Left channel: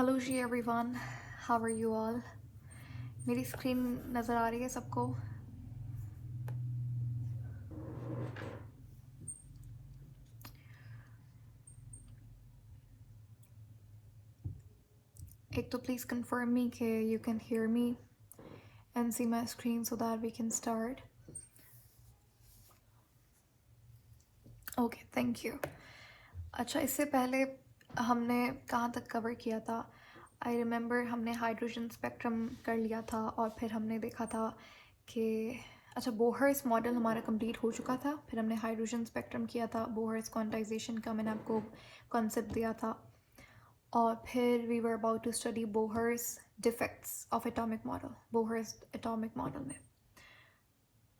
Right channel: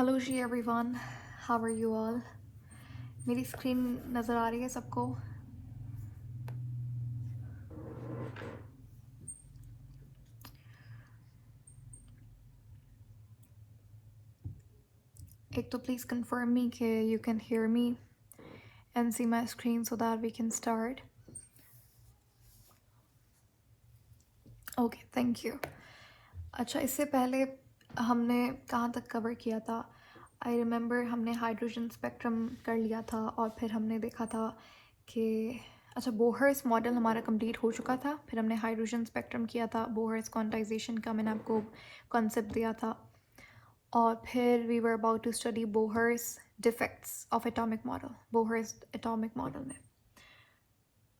Hello ji everyone, how are you all. मेरी screen नज़र आ रही है सबको? एक तो प्लीज़ कंफर्म मी कि you can hear me and see my screen so that we can start. Okay, thank you. अच्छा, इससे पहले हमने कहाँ तक कवर किया था? आई रिमेंबर हमने हाइड्रोजन स्पेक्ट्रम कर लिया था और फिर हमने देखा था कि अच्छा, बोहर्स मॉडल हमारा कंप्लीट हो चुका था। फिर हमने हाइड्रोजन स्पेक्ट्रम किया था, बोहर्स क्वांटाइजेशन का मैंने आपको कॉन्सेप्ट दिया था, और फिर we were about to study Bohr's defects of atomic model, Bohr's atomic model में।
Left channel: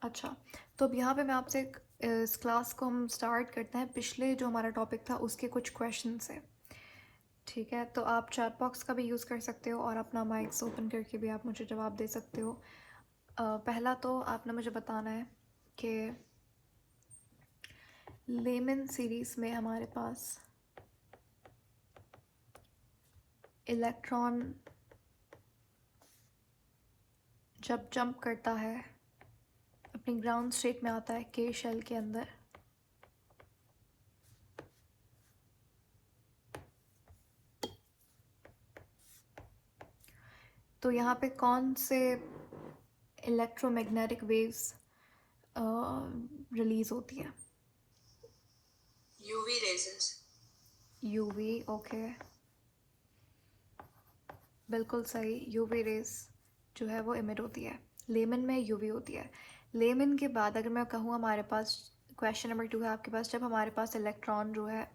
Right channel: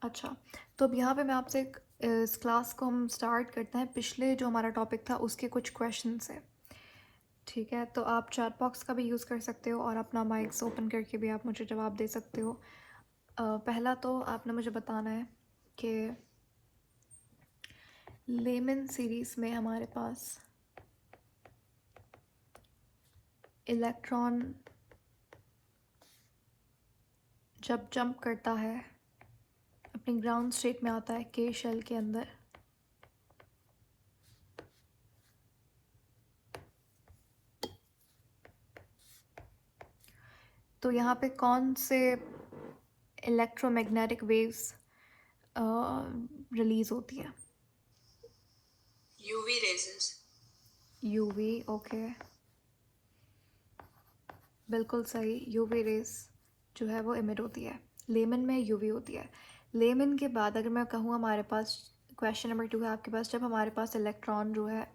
अच्छा, तो अब यहाँ पे मैं आपसे इस क्लास को हम स्टार्ट करते हैं। पिछले जो हमारा टॉपिक था उसके कुछ क्वेश्चन से, ठीक है? तो आप चैट बॉक्स का भी यूज़ कर सकते हो और अपना माइक्स ओपन करके भी आप मुझे जवाब दे सकते हो। पहला तो आपने मुझे बताना है कि लेमन सीरीज़ में हमारे पास इलेक्ट्रॉन जब जंप करता है अपनी ग्राउंड स्टेट में आता है के शेल के अंदर, तो यहाँ पे कौन से इलेक्ट्रोमैग्नेटिक वेव्स रिलीज होती है? UV raises. यूवी, ओके, बिल्कुल सही। यूवी रेस जो है वो इमिट होती है, लेमन में यूवी होती है। लेमन के बाद अगर मैं कहूँ, हमारे पास क्वेश्चन नंबर 2 है आपके पास, जब हमारे पास इलेक्ट्रॉन जो है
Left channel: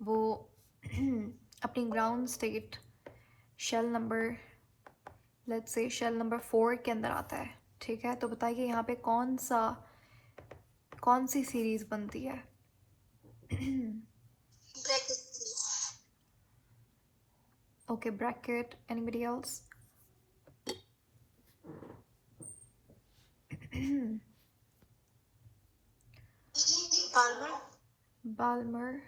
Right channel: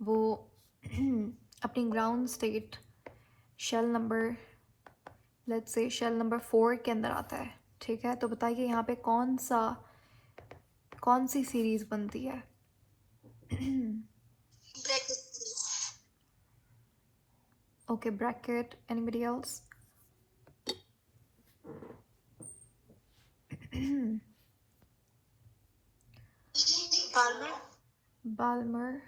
वो अपनी ground state shell number, let's say shell number 4 के अंदर आता है, ठीक है? तो बताइए यहाँ पे कौन सी सीरीज बनती है? Okay, bracket. Anybody else? Balmer. Balmer,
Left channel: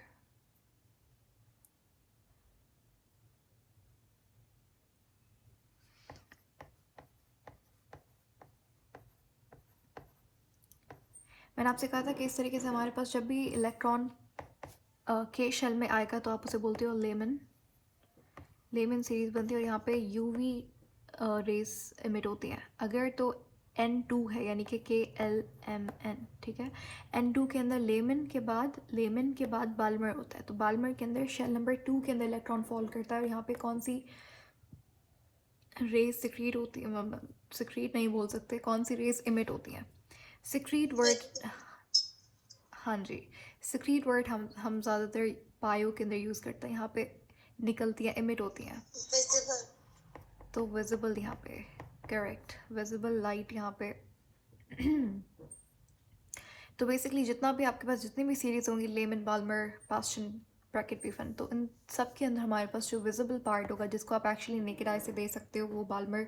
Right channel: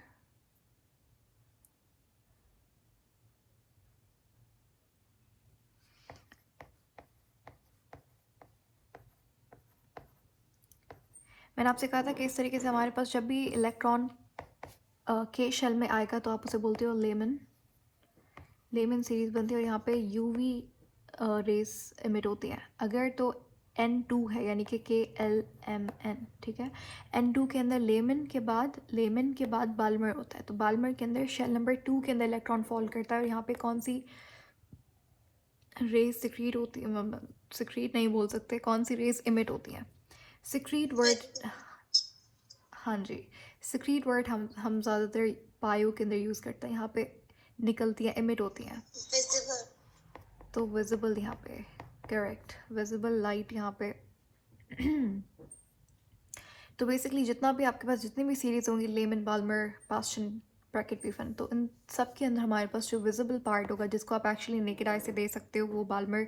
मैंने आपसे कहा था कि इस तरीके से हमारे पास जब भी इलेक्ट्रॉन के शेल में आएगा तो आप उसे बोलते हो लेमन, लेमन सीरीज बनती है और यहाँ पे यूवी रेस इमिट होती हैं। अगर तो N2 है, यानी कि KLMN, ठीक है? N2 के अंदर लेमन के बाद बाल्मर होता है, तो बाल्मर के अंदर शेल नंबर 2 के अंदर इलेक्ट्रॉन फॉल करता है और यहाँ पे कौन सी रेस सिक्रीट होती है, सिक्रीट नहीं बोल सकते, कौन सी रेस इमिट होती हैं? सिक्रीट वर्ड, हाँ जी, सिक्रीट वर्ड हम ज़्यादातर बायो के अंदर यूज़ करते हैं। यहाँ पे निकलती हैं, इमिट होती हैं, तो विजिबल यहाँ पे करेक्ट, विजिबल लाइट यहाँ पे। तो बेसिकली जितना भी आपके पास जितनी भी सीरीज होंगी, लेमन, बाल्मर, पास्चन, ब्रैकेट, वीफन, तो इन सब के अंदर हमारे पास जो विजिबल पार्ट होगा जिसको आप एक्चुअली नेकेड आई से दे सकते हो, वो बाल्मर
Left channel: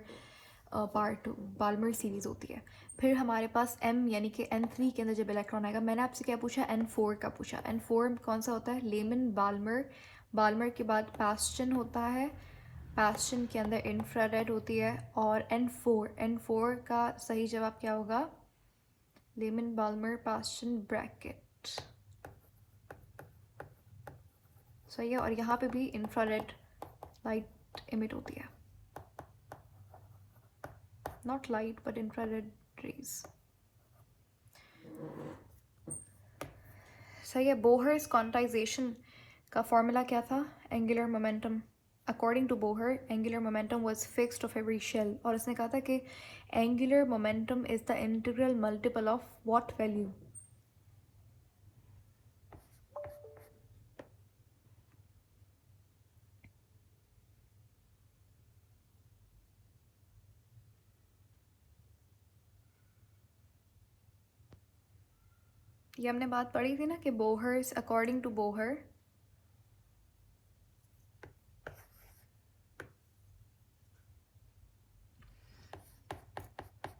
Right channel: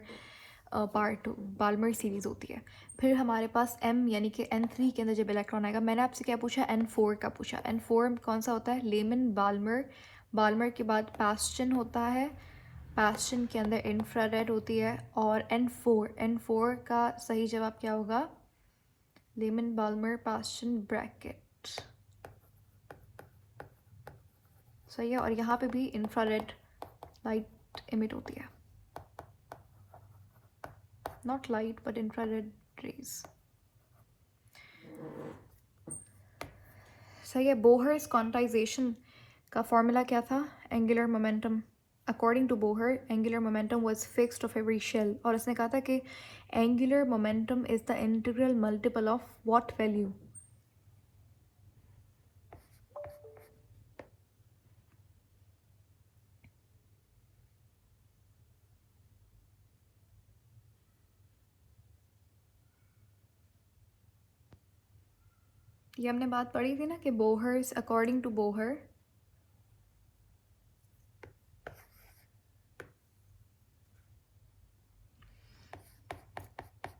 पार्ट, बाल्मर सीरीज़ होती है। फिर हमारे पास M यानी कि N3 के अंदर जब इलेक्ट्रॉन आएगा, मैंने आपसे क्या पूछा? N4 का पूछा। N4 कौन सा होता है? लेमन, बाल्मर, बाल्मर के बाद पास्चन होता है, पास्चन के अंदर इंफ्रारेड होती है, और N4 का सही जवाब क्या होगा? लेमन, बाल्मर, पास्चन, ब्रैकेट, सही है। और यहाँ पे भी इंफ्रारेड लाइट इमिट होती है, not light but infrared rays, सही है। बोहर्स क्वांटाइजेशन का फॉर्मूला क्या था? Angular momentum. According to Bohr, angular momentum was fixed of every shell, और उसने कहा था कि angular momentum is the integral multiple of what value? ये हमने बात पढ़ी थी ना कि बोहर्स, अकॉर्डिंग टू बोहर,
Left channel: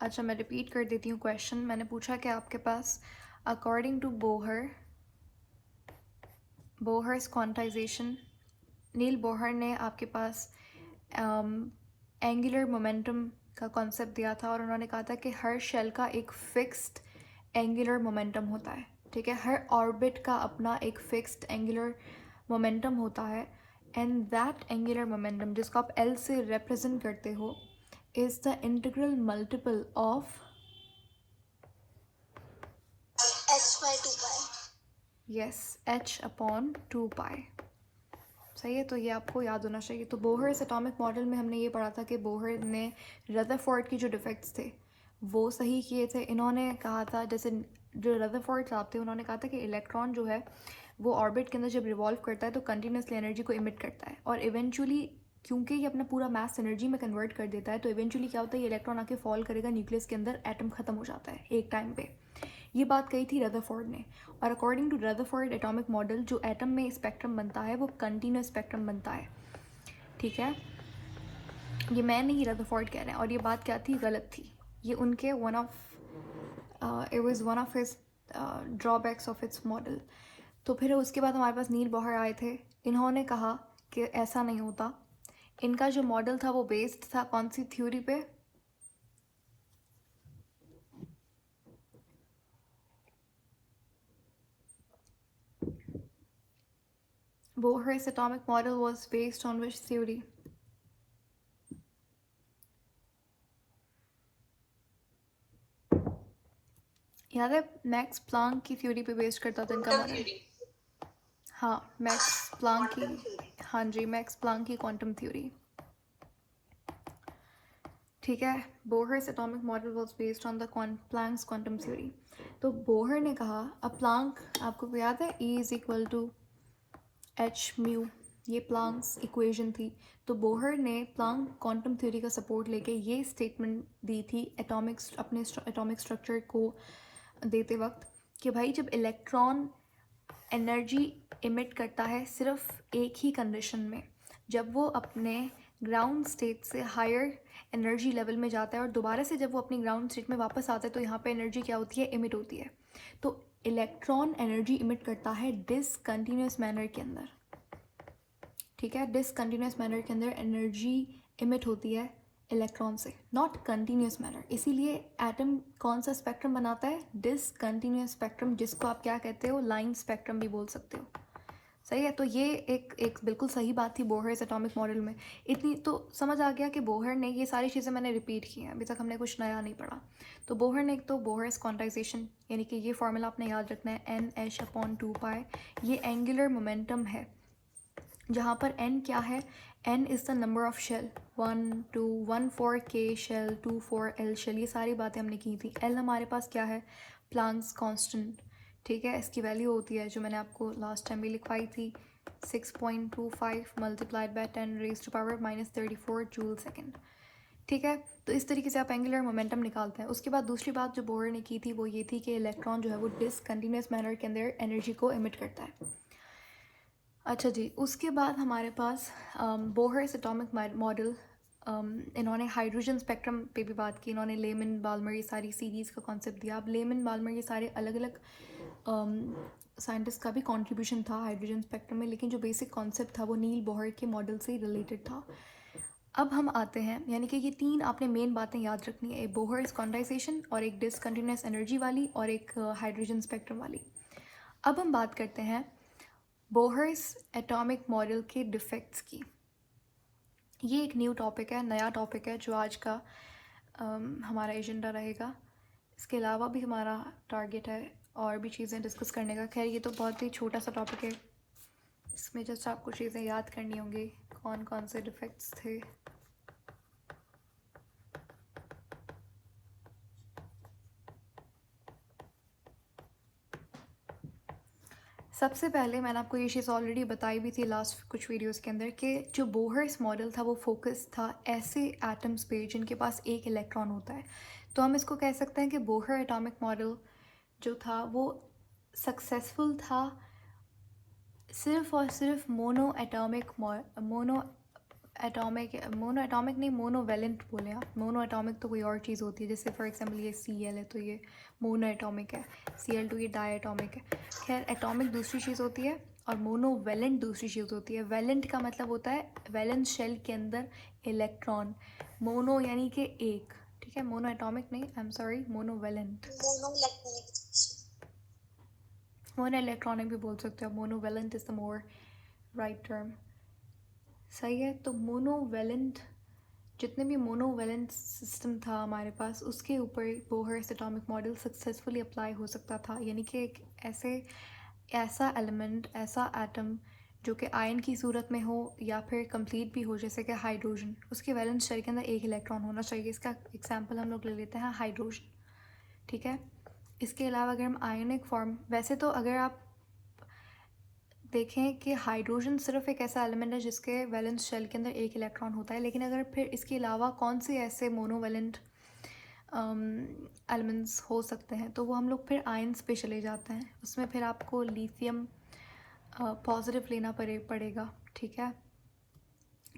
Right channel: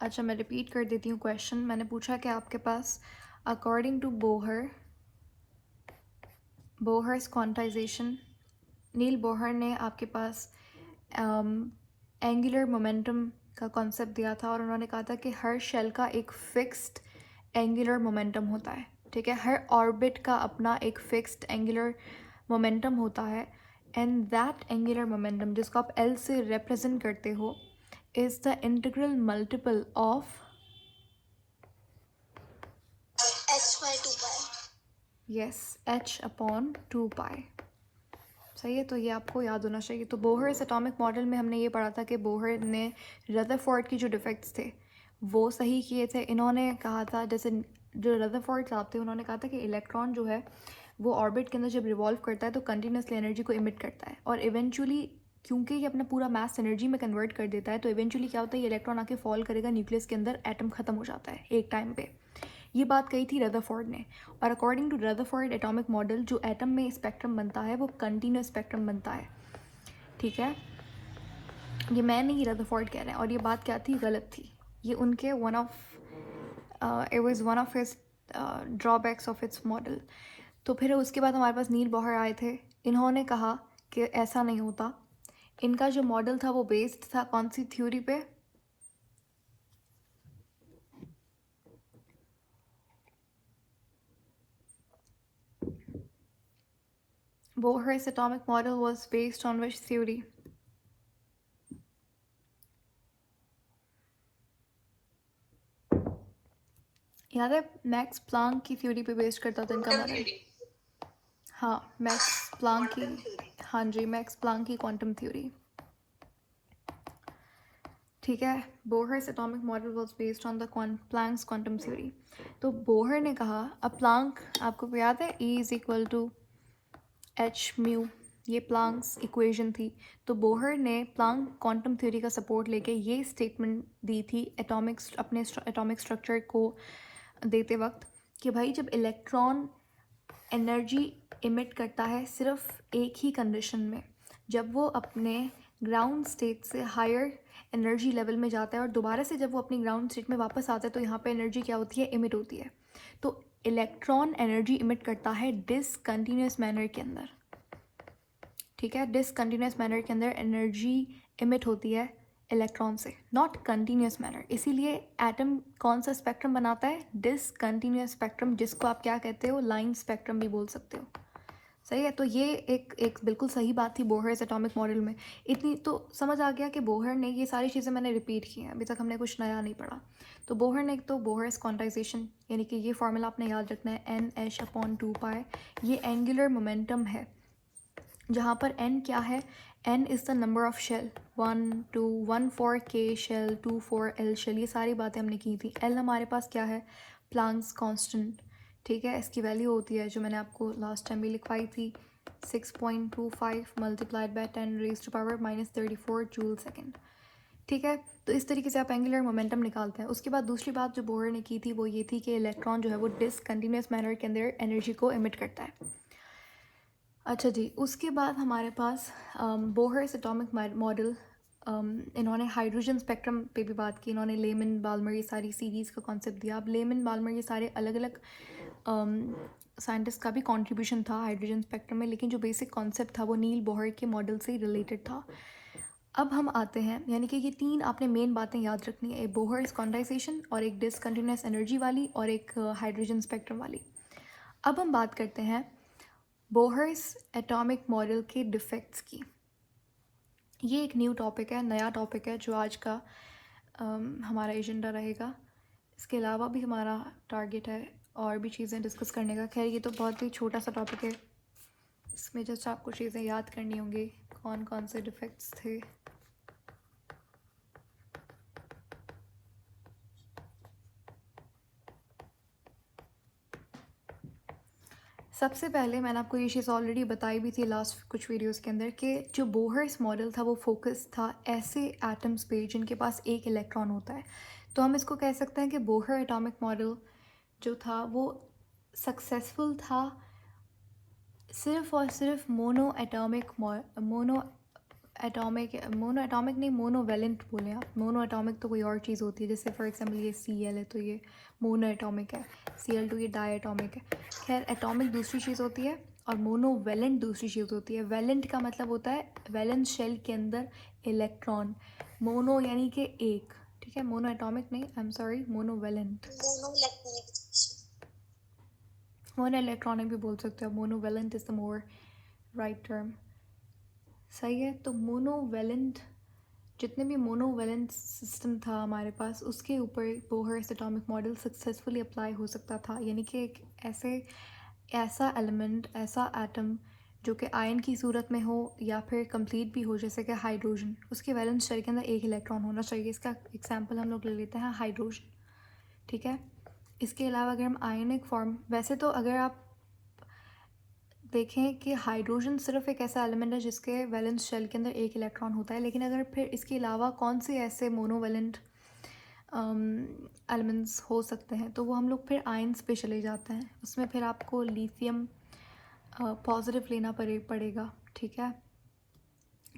अच्छा मैं रिपीट कर देती हूँ क्वेश्चन। मैंने पूछा कि आपके पास according to Bohr, Bohr's quantisation Niels Bohr ने आपके पास एंगुलर मोमेंटम का कॉन्सेप्ट दिया था और उन्होंने कहा था कि हर शेल का एक फिक्स्ड एंगुलर मोमेंटम होता है, ठीक है। हर ऑर्बिट का अपना एक फिक्स्ड एंगुलर मोमेंटम होता है, एंड दैट एंगुलर मोमेंटम जिसको आप एल से रिप्रेजेंट करते हो is the integral multiple of h/2 yes h/2 सही है। तो ये आपको याद होना चाहिए। तो बोहर्स एटॉमिक मॉडल में हमने ये पढ़ा था कि बोहर ने रदरफोर्ड की जो डिफेक्ट्स थे वो सही किए थे। इन्होंने कहा था, जैसे जो रदरफोर्ड साहब थे उन्होंने कहा था कि इलेक्ट्रॉन जो है वो ऑर्बिट के अंदर जब रिवॉल्व करता है तो कंटिन्यूसली एनर्जी को इमिट करता है, और इवेंचुअली क्योंकि ये अपना पूरा मास एनर्जी में कन्वर्ट कर देता है तो इवेंचुअली क्या होता है, ये इलेक्ट्रॉन आके फॉल करेगा न्यूक्लियस के अंदर, एटम खत्म हो जाता है एक टाइम पे। ये बात कही थी रदरफोर्ड ने, और according to Rutherford atomic model जो एटम में स्पेक्ट्रम बनता है वो कंटिन्यूस स्पेक्ट्रम बनता है, ठीक है। ये मैं नहीं, रदरफोर्ड कह रहे हैं, और ये बात क्या थी, गलत थी। ये उनके it was one of his drawbacks of its model. तो फिर उसके बाद हमारे पास नील बोहर आए थे। इन्होंने कहा कि ऐसा नहीं होता। इनका जो मॉडल था वो बेस्ड था कौन सी थ्योरी पे, Bohr's atomic model was based on which theory? याद है, मैक्स प्लांक की थ्योरी पे बेस्ड करता था इनका मॉडल। हाँ, मैक्स प्लांक की, हाँ जी, मैक्स प्लांक की क्वांटम थ्योरी, ठीक है। Bohr's atomic model was based on the Planck's quantum theory. तो बोहर ने कहा, अब प्लांक आपको याद है E is equal to H mu, ये प्लांक्स इक्वेशन थी। तो बोहर ने प्लांक क्वांटम थ्योरी का सपोर्ट लेके ये स्टेटमेंट दी थी अपने एटॉमिक स्ट्रक्चर को देते वक्त कि भाई जब इलेक्ट्रॉन एनर्जी इमिट करता है सिर्फ एक ही कंडीशन में, जब वो अपने ग्राउंड स्टेट से हायर एनर्जी लेवल में जाता है और दोबारा से जब वो अपनी ग्राउंड स्टेट में वापस आता है तो यहाँ पे एनर्जी क्या होती है, इमिट होती है। तो इलेक्ट्रॉन एनर्जी इमिट करता है डिसकंटिन्यूस मैनर के अंदर, ठीक है। डिसकंटिन्यूस मैनर के अंदर एनर्जी इमिट होती है इलेक्ट्रॉन से, नॉट कंटिन्यूस मैनर। इसीलिए एटम कौन सा स्पेक्ट्रम बनाता है, डिसकंटिन्यूस स्पेक्ट्रम, जिसको आप क्या कहते हो, लाइन स्पेक्ट्रम भी बोल सकते हो, सही है। तो ये एक बिल्कुल सही बात थी बोहर्स एटॉमिक मॉडल में। इतनी तो समझ आ गया कि बोहर ने ये सारी चीज़ें मैंने रिपीट की हैं, अभी तक हमने कुछ नया नहीं पढ़ा। तो बोहर ने तो बोहर्स क्वांटाइजेशन, यानी कि ये फॉर्मूला आपने याद रखना है, NH/2 ये एंगुलर मोमेंटम है, जहाँ पर n क्या है, n is the number of shell, 1 2 1 4 k shell, 2 4 l shell, ये सारी बातें हमने की थी। l हमारे पास क्या है, प्लांक्स कांस्टेंट, ठीक है। इसकी वैल्यू होती है जो मैंने आपको लास्ट टाइम भी लिखवाई थी, 6.25 मल्टीप्लाइड बाय 10⁻⁻34 जूल सेकेंड, ठीक है। तो इस तरीके से आप एंगुलर मोमेंटम निकालते हैं। उसके बाद दूसरी बात जो बोहर ने की थी वो ये थी कि इलेक्ट्रॉन जो है वो डिसकंटिन्यूस मैनर के अंदर एनर्जी को इमिट करता है। अच्छा जी, उसके बाद हमारे पास बोहर्स एटॉमिक मॉडल, इन्होंने हाइड्रोजन स्पेक्ट्रम पे भी बात की। इन्होंने लेमन बाल्मर ये सारी सीरीज़ का कॉन्सेप्ट दिया। अब लेमन बाल्मर ये सारे अलग अलग साइंटिस्ट का भी कंट्रीब्यूशन था हाइड्रोजन स्पेक्ट्रम में, लेकिन जो बेसिक कॉन्सेप्ट था वो नील बोहर के मॉडल से रिलेटेड था। अब हम आते हैं, यानी कि ये तीन आपने मेन बातें याद रखनी है, एक बोहर्स क्वांटाइजेशन और एक डिसकंटिन्यूस एनर्जी वाली और एक हाइड्रोजन स्पेक्ट्रम वाली। अब हम बात करते हैं बोहर्स एटॉमिक मॉडल के डिफेक्ट्स की। ये एक न्यू टॉपिक है, नया टॉपिक है जो आज का हमारा एजेंडा रहेगा। इसके अलावा भी हमारा टारगेट है और भी चीज़ें डिस्कस करने का। खैर ये तो बहुत ही छोटा सा टॉपिक है, इसमें जस्ट आपको चीज़ें याद करनी होंगी, कौन कौन से डिफेक्ट्स थे। सबसे पहले मैंने आपको ये चीज़ ऑलरेडी बताई भी थी लास्ट कुछ वीडियोस के अंदर कि जो बोहर्स मॉडल था वो फोकस था ऐसे एटम्स पे जिनके पास एक इलेक्ट्रॉन होता है। तो हम इसको कह सकते हैं कि बोहर एटॉमिक मॉडल जो था वो सक्सेसफुल था सिर्फ और सिर्फ मोनो एटॉमिक नहीं, मोनोवेलेंट बोले आप। मोनो एटॉमिक तो कोई और चीज़ होती है, जैसे फॉर एग्जांपल ये Cl है तो ये मोनो एटॉमिक है, Cl2 ये डाई एटॉमिक है। खैर एटॉमिक दूसरी चीज़ होती है और मोनोवेलेंट दूसरी चीज़ होती है। वैलेंट का मतलब होता है वैलेंस शेल के अंदर इलेक्ट्रॉन। मोनो यानी कि एक, ठीक है, मोनो एटॉमिक नहीं, I am sorry, monovalent. Mono electronic. Mono electronic भी बोल सकते हो, monovalent is the more right term. सही है। तो मोनोवेलेंट, जितने भी मोनोवेलेंट सिस्टम था हमारे पास, उसके ऊपर Bohr's atomic model successfully apply हो सकता था। यानी कि एक ऐसा एलिमेंट, ऐसा एटम जो कि आयन की सूरत में हो या फिर कंप्लीट भी हो, जैसे कि हाइड्रोजन, उसके वैलेंस शेल के अंदर एक इलेक्ट्रॉन होना चाहिए। इसका एग्जांपल हम लोग ले लेते हैं हाइड्रोजन, ठीक है। इसके अलावा अगर हम आयनिक फॉर्म, वैसे तो अगर आप देखें कि हाइड्रोजन सिर्फ एक ऐसा एलिमेंट है जिसके वैलेंस शेल के अंदर एक इलेक्ट्रॉन होता है, लेकिन अगर फिर इसके अलावा कौन से ऐसे मोनोवेलेंट एलिमेंट्स हो सकते हैं, तो वो हम लोग फिर आयंस पे चले जाते हैं। उसमें फिर आपको लिथियम पॉजिटिव लेना पड़ेगा, ठीक है।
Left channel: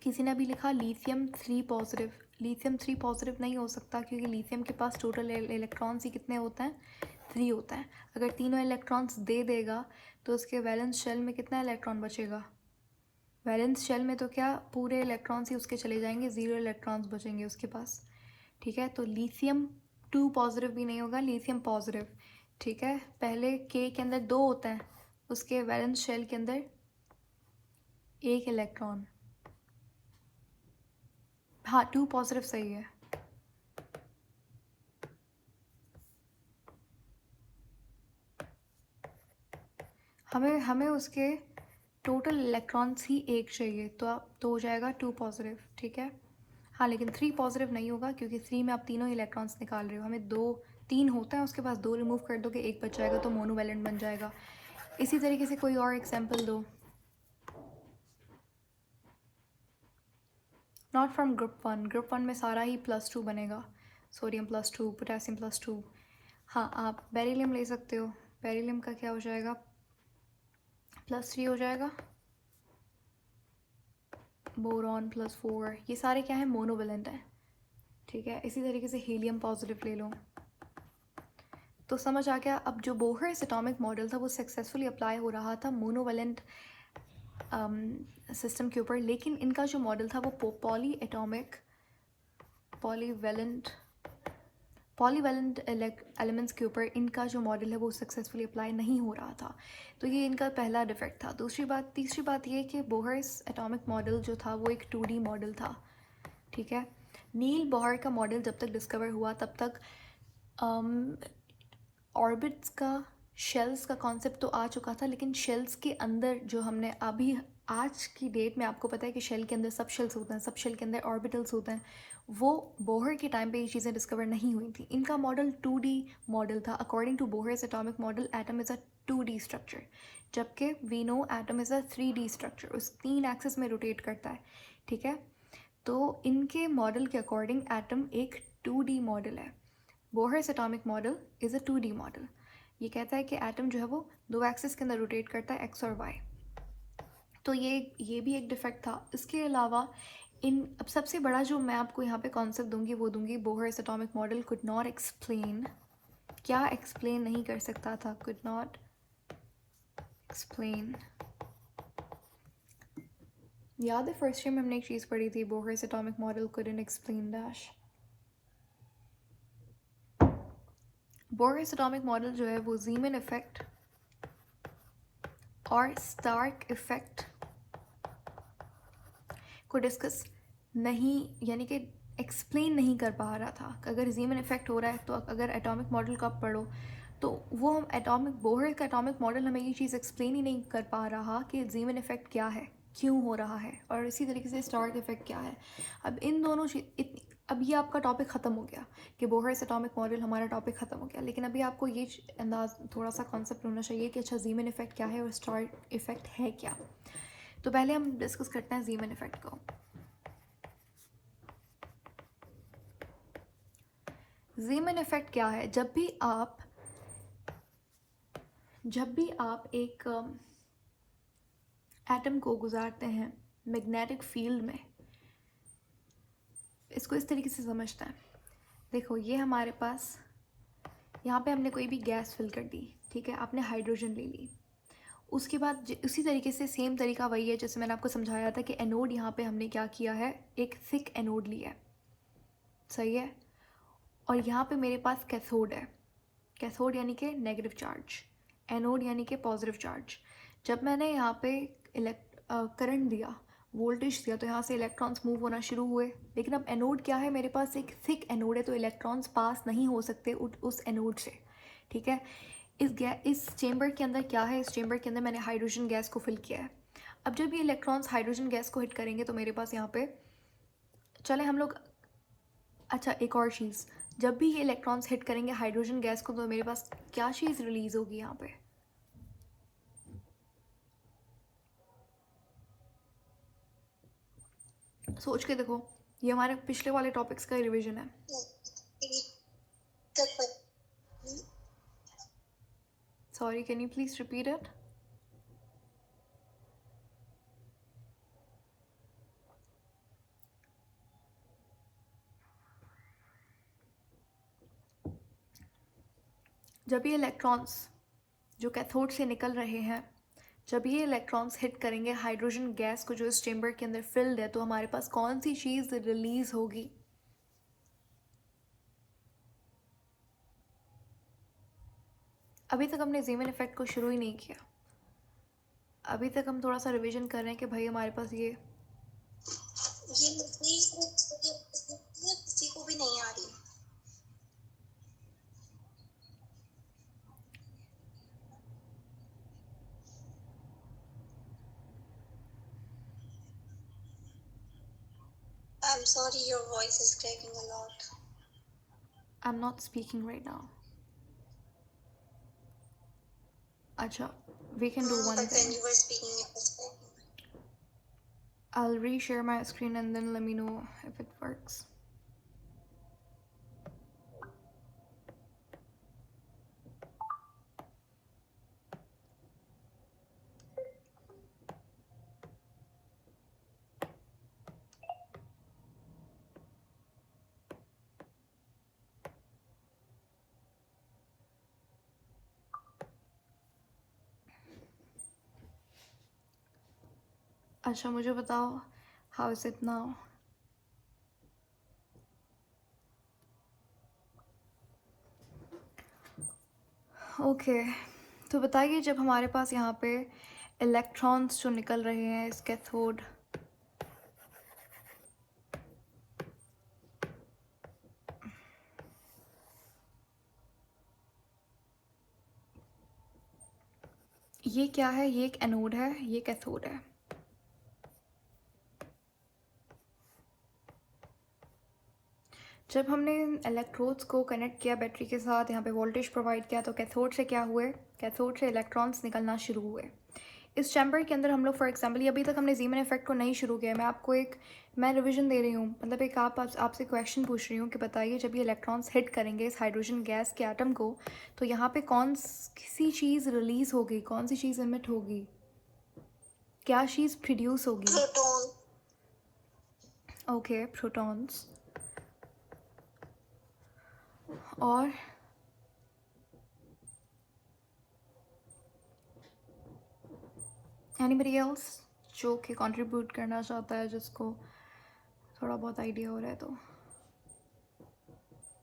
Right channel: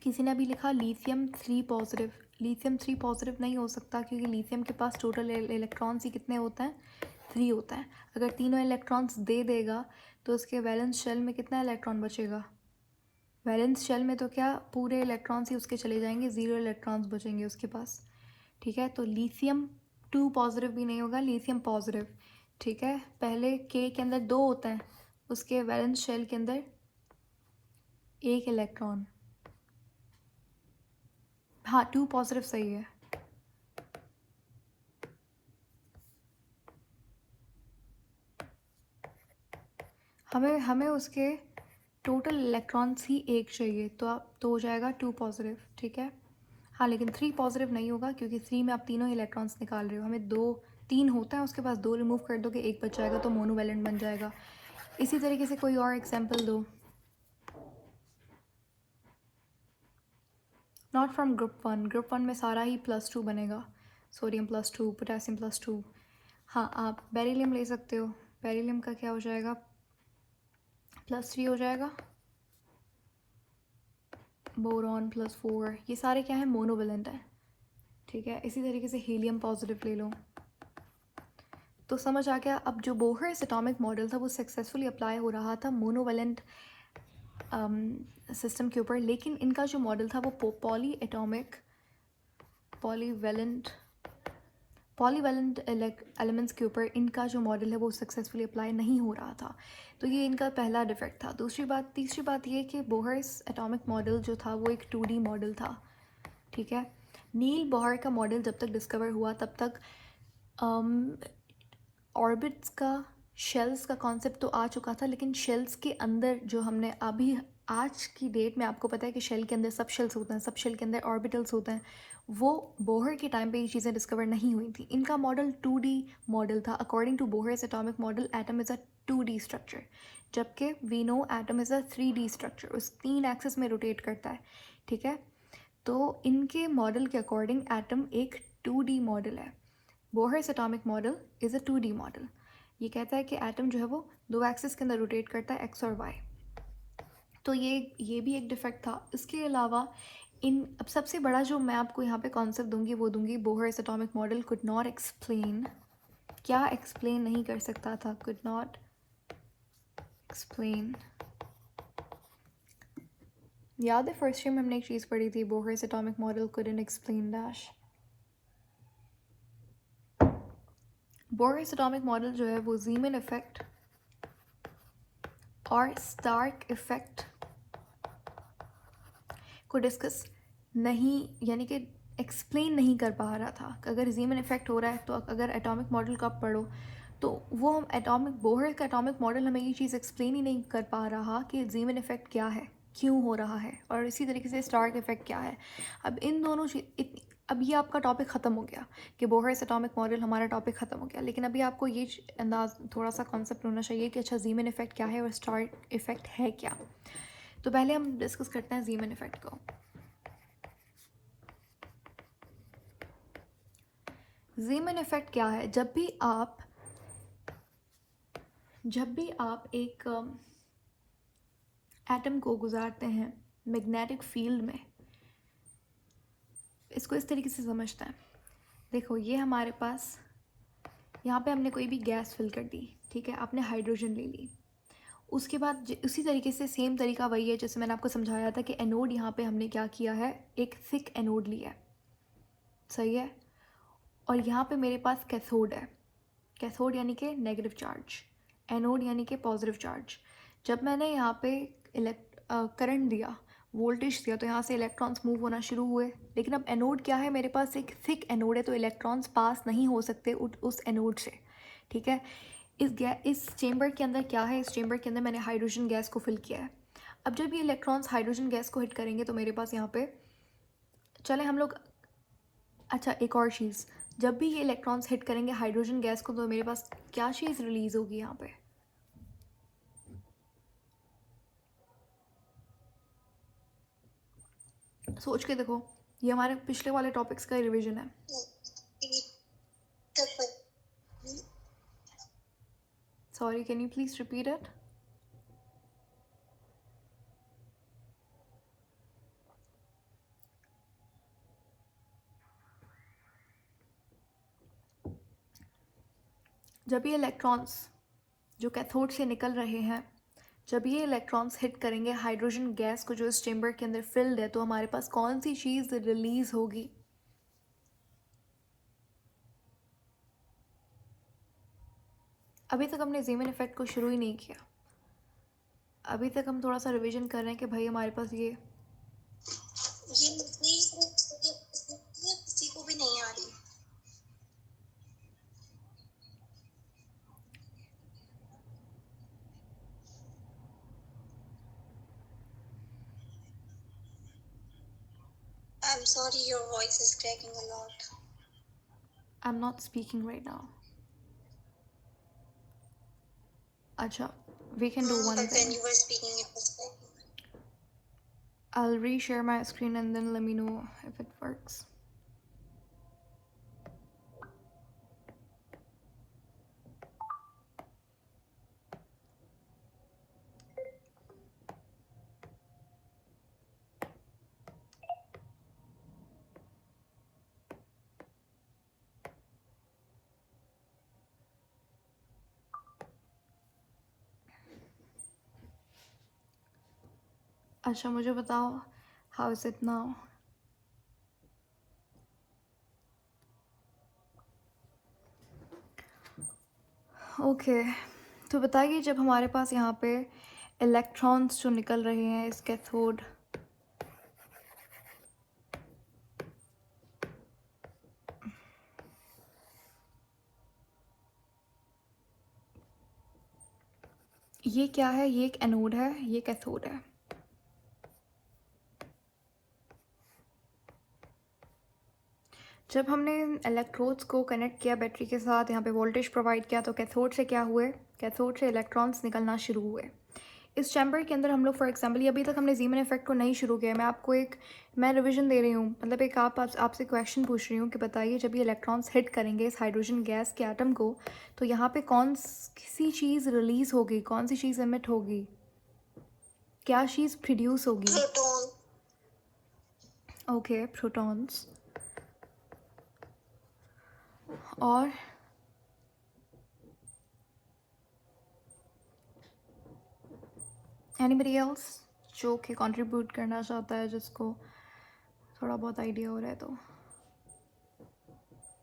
किसी ने भी लिखा लिथियम 3 पॉजिटिव। लिथियम 3 पॉजिटिव नहीं हो सकता, क्योंकि लिथियम के पास टोटल इलेक्ट्रॉन्स ही कितने होते हैं, 3 होता है। अगर तीनों इलेक्ट्रॉन्स दे देगा तो उसके वैलेंस शेल में कितना इलेक्ट्रॉन बचेगा? वैलेंस शेल में तो क्या पूरे इलेक्ट्रॉन्स ही उसके चले जाएंगे, 0 इलेक्ट्रॉन्स बचेंगे उसके पास, ठीक है। तो लिथियम 2 पॉजिटिव भी नहीं होगा, लिथियम पॉजिटिव, ठीक है। पहले के अंदर 2 होते हैं, उसके वैलेंस शेल के अंदर 1 इलेक्ट्रॉन। हाँ, 2 पॉजिटिव सही है। हमें उसके टोटल इलेक्ट्रॉन्स ही 1 चाहिए, तो हो जाएगा 2 पॉजिटिव, ठीक है। हाँ, लेकिन 3 पॉजिटिव नहीं होगा, क्योंकि 3 में आप तीनों इलेक्ट्रॉन्स निकाल रहे हो। हमें 3 होता है, उसके पास 2 रिमूव कर दो कि 1 बच जाएगा, तो मोनोवेलेंट बन जाएगा। इसी तरीके से कोई और एग्जांपल दो। Not from group 1। ग्रुप 1 में सारा ही +2 बनेगा, सोडियम +2, पोटेशियम +2। हाँ, आप बेरिलियम ले सकते हो। बेरिलियम का क्या हो जाएगा, +3 हो जाएगा। बोरॉन +4, ये सारे क्या है, मोनोवेलेंट हैं, ठीक है। इसी तरीके से हीलियम पॉजिटिव ले लो। तो समझ आ गया। अब जो बोहर्स एटॉमिक मॉडल था वो सक्सेसफुली अप्लाई हो रहा था मोनोवेलेंट सिस्टम के ऊपर, लेकिन इनका जो मॉडल था वो पॉलीवेलेंट एलिमेंट्स के ऊपर इनका जो मॉडल है वो सक्सेसफुली अप्लाई नहीं हो रहा था। तो ये इनका पहला डिफेक्ट था। तीसरी बात ये कि बोहर्स एटॉमिक मॉडल जो था वो एक 2D मॉडल था, ठीक है। नील बोहर का मॉडल जब तक डिस्कवर हुआ तब तक ऑर्बिट्स का, शेल्स का कॉन्सेप्ट तो आ चुका था, लेकिन शेल्स के अंदर जो हमने अभी आज की डेट में, आपको पता है कि शेल के अंदर सब शेल्स होते हैं, सब शेल के अंदर ऑर्बिटल्स होते हैं, वो बोहर के टाइम पे ये चीज़ें डिस्कवर नहीं हुई थी। इनका मॉडल 2D मॉडल था। According to Bohr's atomic model, atom is a 2D structure, जबकि we know atom is a 3D structure, उस 3 एक्सिस में रोटेट करता है, ठीक है। तो इनके मॉडल के अकॉर्डिंग एटम एक 2D मॉडल है। Bohr's atomic model is a 2D model. ये कहता है कि एटम जो है वो 2 एक्सिस के अंदर रोटेट करता है, एक्स और वाई। तो ये भी एक डिफेक्ट था। इसके अलावा अब सबसे बड़ा जो मैं आपको यहाँ पे कॉन्सेप्ट दूंगी वो दूंगी, Bohr's atomic model could not explain, क्या एक्सप्लेन नहीं कर सकता था, कुड नॉट एक्सप्लेन। याद है फर्स्ट ईयर में हमने एक चीज़ पढ़ी थी, Bohr's atomic model couldn't explain dash. Bohr's atomic model जो है वो ज़ीमन इफेक्ट और स्टार्क इफेक्ट को डिस्कस नहीं, यानी कि एक्सप्लेन नहीं कर पा रहा था। अगर ज़ीमन इफेक्ट हो रहा है तो अगर एटॉमिक मॉडल का आप पढ़ो तो वो हम बोहर का एटॉमिक मॉडल हमें ये चीज़ एक्सप्लेन ही नहीं कर पा रहा कि ज़ीमन इफेक्ट क्या है, क्यों हो रहा है, और इसी तरीके से स्टार्क इफेक्ट क्या है। अब इन दोनों अब ये आपका टॉपिक ख़त्म हो गया कि बोहर्स एटॉमिक मॉडल, हमारा टॉपिक ख़त्म हो गया। लेकिन अभी आपको ये अंदाज, थोड़ा सा कॉन्सेप्ट होना चाहिए कि अच्छा ज़ीमन इफेक्ट क्या है और स्टार्क इफेक्ट है क्या। तो पहले हम डिस्कस करते हैं ज़ीमन इफेक्ट को। ज़ीमन इफेक्ट क्या है? जब भी आप एक एटम को गुजारते हैं मैग्नेटिक फील्ड में, इसको इस तरीके से समझते हैं। देखो, ये हमारे पास यहाँ पे हमने कोई भी गैस फिल कर दी, ठीक है, आपने हाइड्रोजन ले ली, उसके बाद उसी तरीके से सेम तरीका वही है जैसे मैंने आपको समझाया था कि एनोड यहाँ पे हमने क्या किया है, एक थिक एनोड लिया है, सही है। और यहाँ पे मेरे पास कैथोड है, कैथोड यानी कि नेगेटिव चार्ज, एनोड यानी कि पॉजिटिव चार्ज। जब मैंने यहाँ पे करंट दिया, वोल्टेज दिया, तो यहाँ से इलेक्ट्रॉन्स मूव होना शुरू हुए। लेकिन अब एनोड क्या है, मेरे पास एक थिक एनोड है, तो इलेक्ट्रॉन्स पास नहीं हो सकते उस एनोड से, ठीक है। इस चेम्बर के अंदर क्या है, इस चेम्बर के अंदर मैंने हाइड्रोजन गैस को फिल किया है। अब जब ये इलेक्ट्रॉन्स हाइड्रोजन गैस को हिट करेंगे तो मेरे पास यहाँ पे, चले हम लोग, अच्छा एक और चीज़, जब भी ये इलेक्ट्रॉन्स हिट करेंगे हाइड्रोजन गैस को तो मेरे पास क्या चीज़ रिलीज होगी यहाँ पे, सोच के देखो। ये हमारे पिछले वाले टॉपिक्स का रिवीजन है। Sorry, can you please repeat it? जब ये इलेक्ट्रॉन्स जो कैथोड से निकल रहे हैं, जब ये इलेक्ट्रॉन्स हिट करेंगे हाइड्रोजन गैस को जो इस चेम्बर के अंदर फिल्ड है, तो हमारे पास कौन सी चीज़ रिलीज होगी? अभी तक हमने ज़ीमन इफेक्ट को शुरू ही नहीं किया। अभी तक हम थोड़ा सा रिवीजन कर रहे हैं कि भाई हमारे पास ये किसी को भी नहीं आ रही। I'm sorry, your voice is cracking a lot. I'm not speaking right now. अच्छा, we can do one But when thing. you were speaking, it was cracking. I'll reshare my screen and then let me know if it works. अच्छा मुझे बताओ, how is it now? Okay, तो बताइए जब हमारे पास यहाँ पे इलेक्ट्रॉन्स जो निकल रहे हैं इस कैथोड, ये क्या है, ये एक एनोड है, ये कैथोड है। जब हमने इलेक्ट्रोड्स को कनेक्ट किया बैटरी के साथ, यहाँ पे वोल्टेज प्रोवाइड किया, तो कैथोड से क्या हुए, कैथोड से इलेक्ट्रॉन्स निकलना शुरू हुए। इस चैम्बर के अंदर हम लोग फॉर एग्जांपल, अभी तक हमने ज़ीमन इफेक्ट को नहीं शुरू किया, मैं आपको मैं रिवीजन दे रही हूँ, मतलब एक आपसे क्वेश्चन पूछ रही हूँ कि बताइए जब ये इलेक्ट्रॉन्स हिट करेंगे इस हाइड्रोजन गैस के एटम को, तो यहाँ पे कौन सी चीज़ रिलीज होगी, कौन सी चीज़ एमिट होगी, क्या चीज़ प्रोड्यूस होगी? Proton. Okay, protons. और एनीबडी एल्स जो कि कंट्रीब्यूट करना चाहता है, जिसको थोड़ा बहुत आइडिया हो रहा है? तो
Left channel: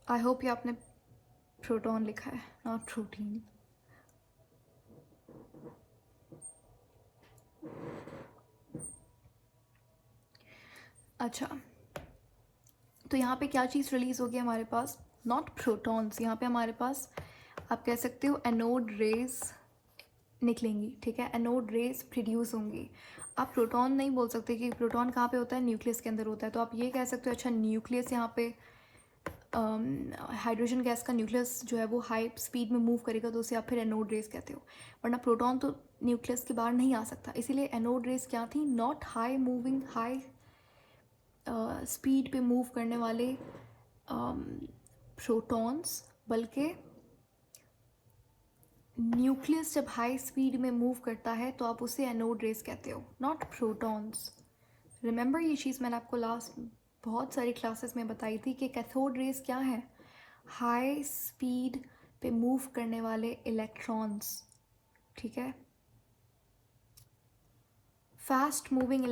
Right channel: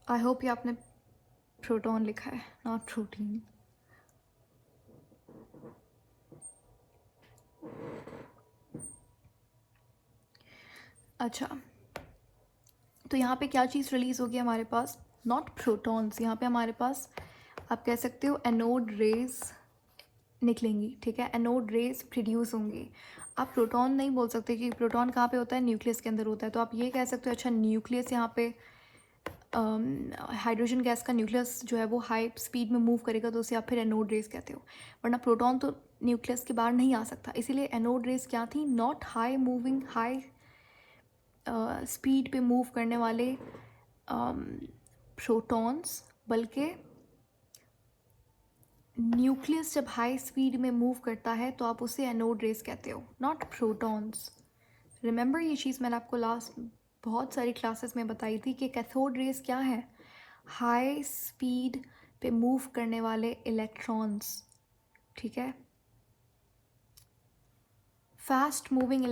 आई होप ये आपने प्रोटॉन लिखा है, नॉट प्रोटीन। अच्छा, तो यहाँ पे क्या चीज़ रिलीज़ होगी हमारे पास, नॉट प्रोटॉन्स, यहाँ पे हमारे पास आप कह सकते हो एनोड रेज निकलेंगी, ठीक है, एनोड रेज प्रोड्यूस होंगी। आप प्रोटॉन नहीं बोल सकते कि प्रोटॉन कहाँ पे होता है, न्यूक्लियस के अंदर होता है, तो आप ये कह सकते हो अच्छा न्यूक्लियस यहाँ पे हाइड्रोजन गैस का न्यूक्लियस जो है वो हाई स्पीड में मूव करेगा, तो उसे आप फिर एनोड रेज कहते हो। वरना प्रोटॉन तो न्यूक्लियस के बाहर नहीं आ सकता, इसीलिए एनोड रेज क्या थी, not high moving, high speed पे मूव करने वाले प्रोटॉन्स, बल्कि न्यूक्लियस जब हाई स्पीड में मूव करता है तो आप उसे एनोड रेज कहते हो, नॉट प्रोटॉन्स। रिमेंबर ये चीज़ मैंने आपको लास्ट बहुत सारी क्लासेस में बताई थी कि कैथोड रेज क्या है, हाई स्पीड पे मूव करने वाले इलेक्ट्रॉन्स, ठीक है। fast moving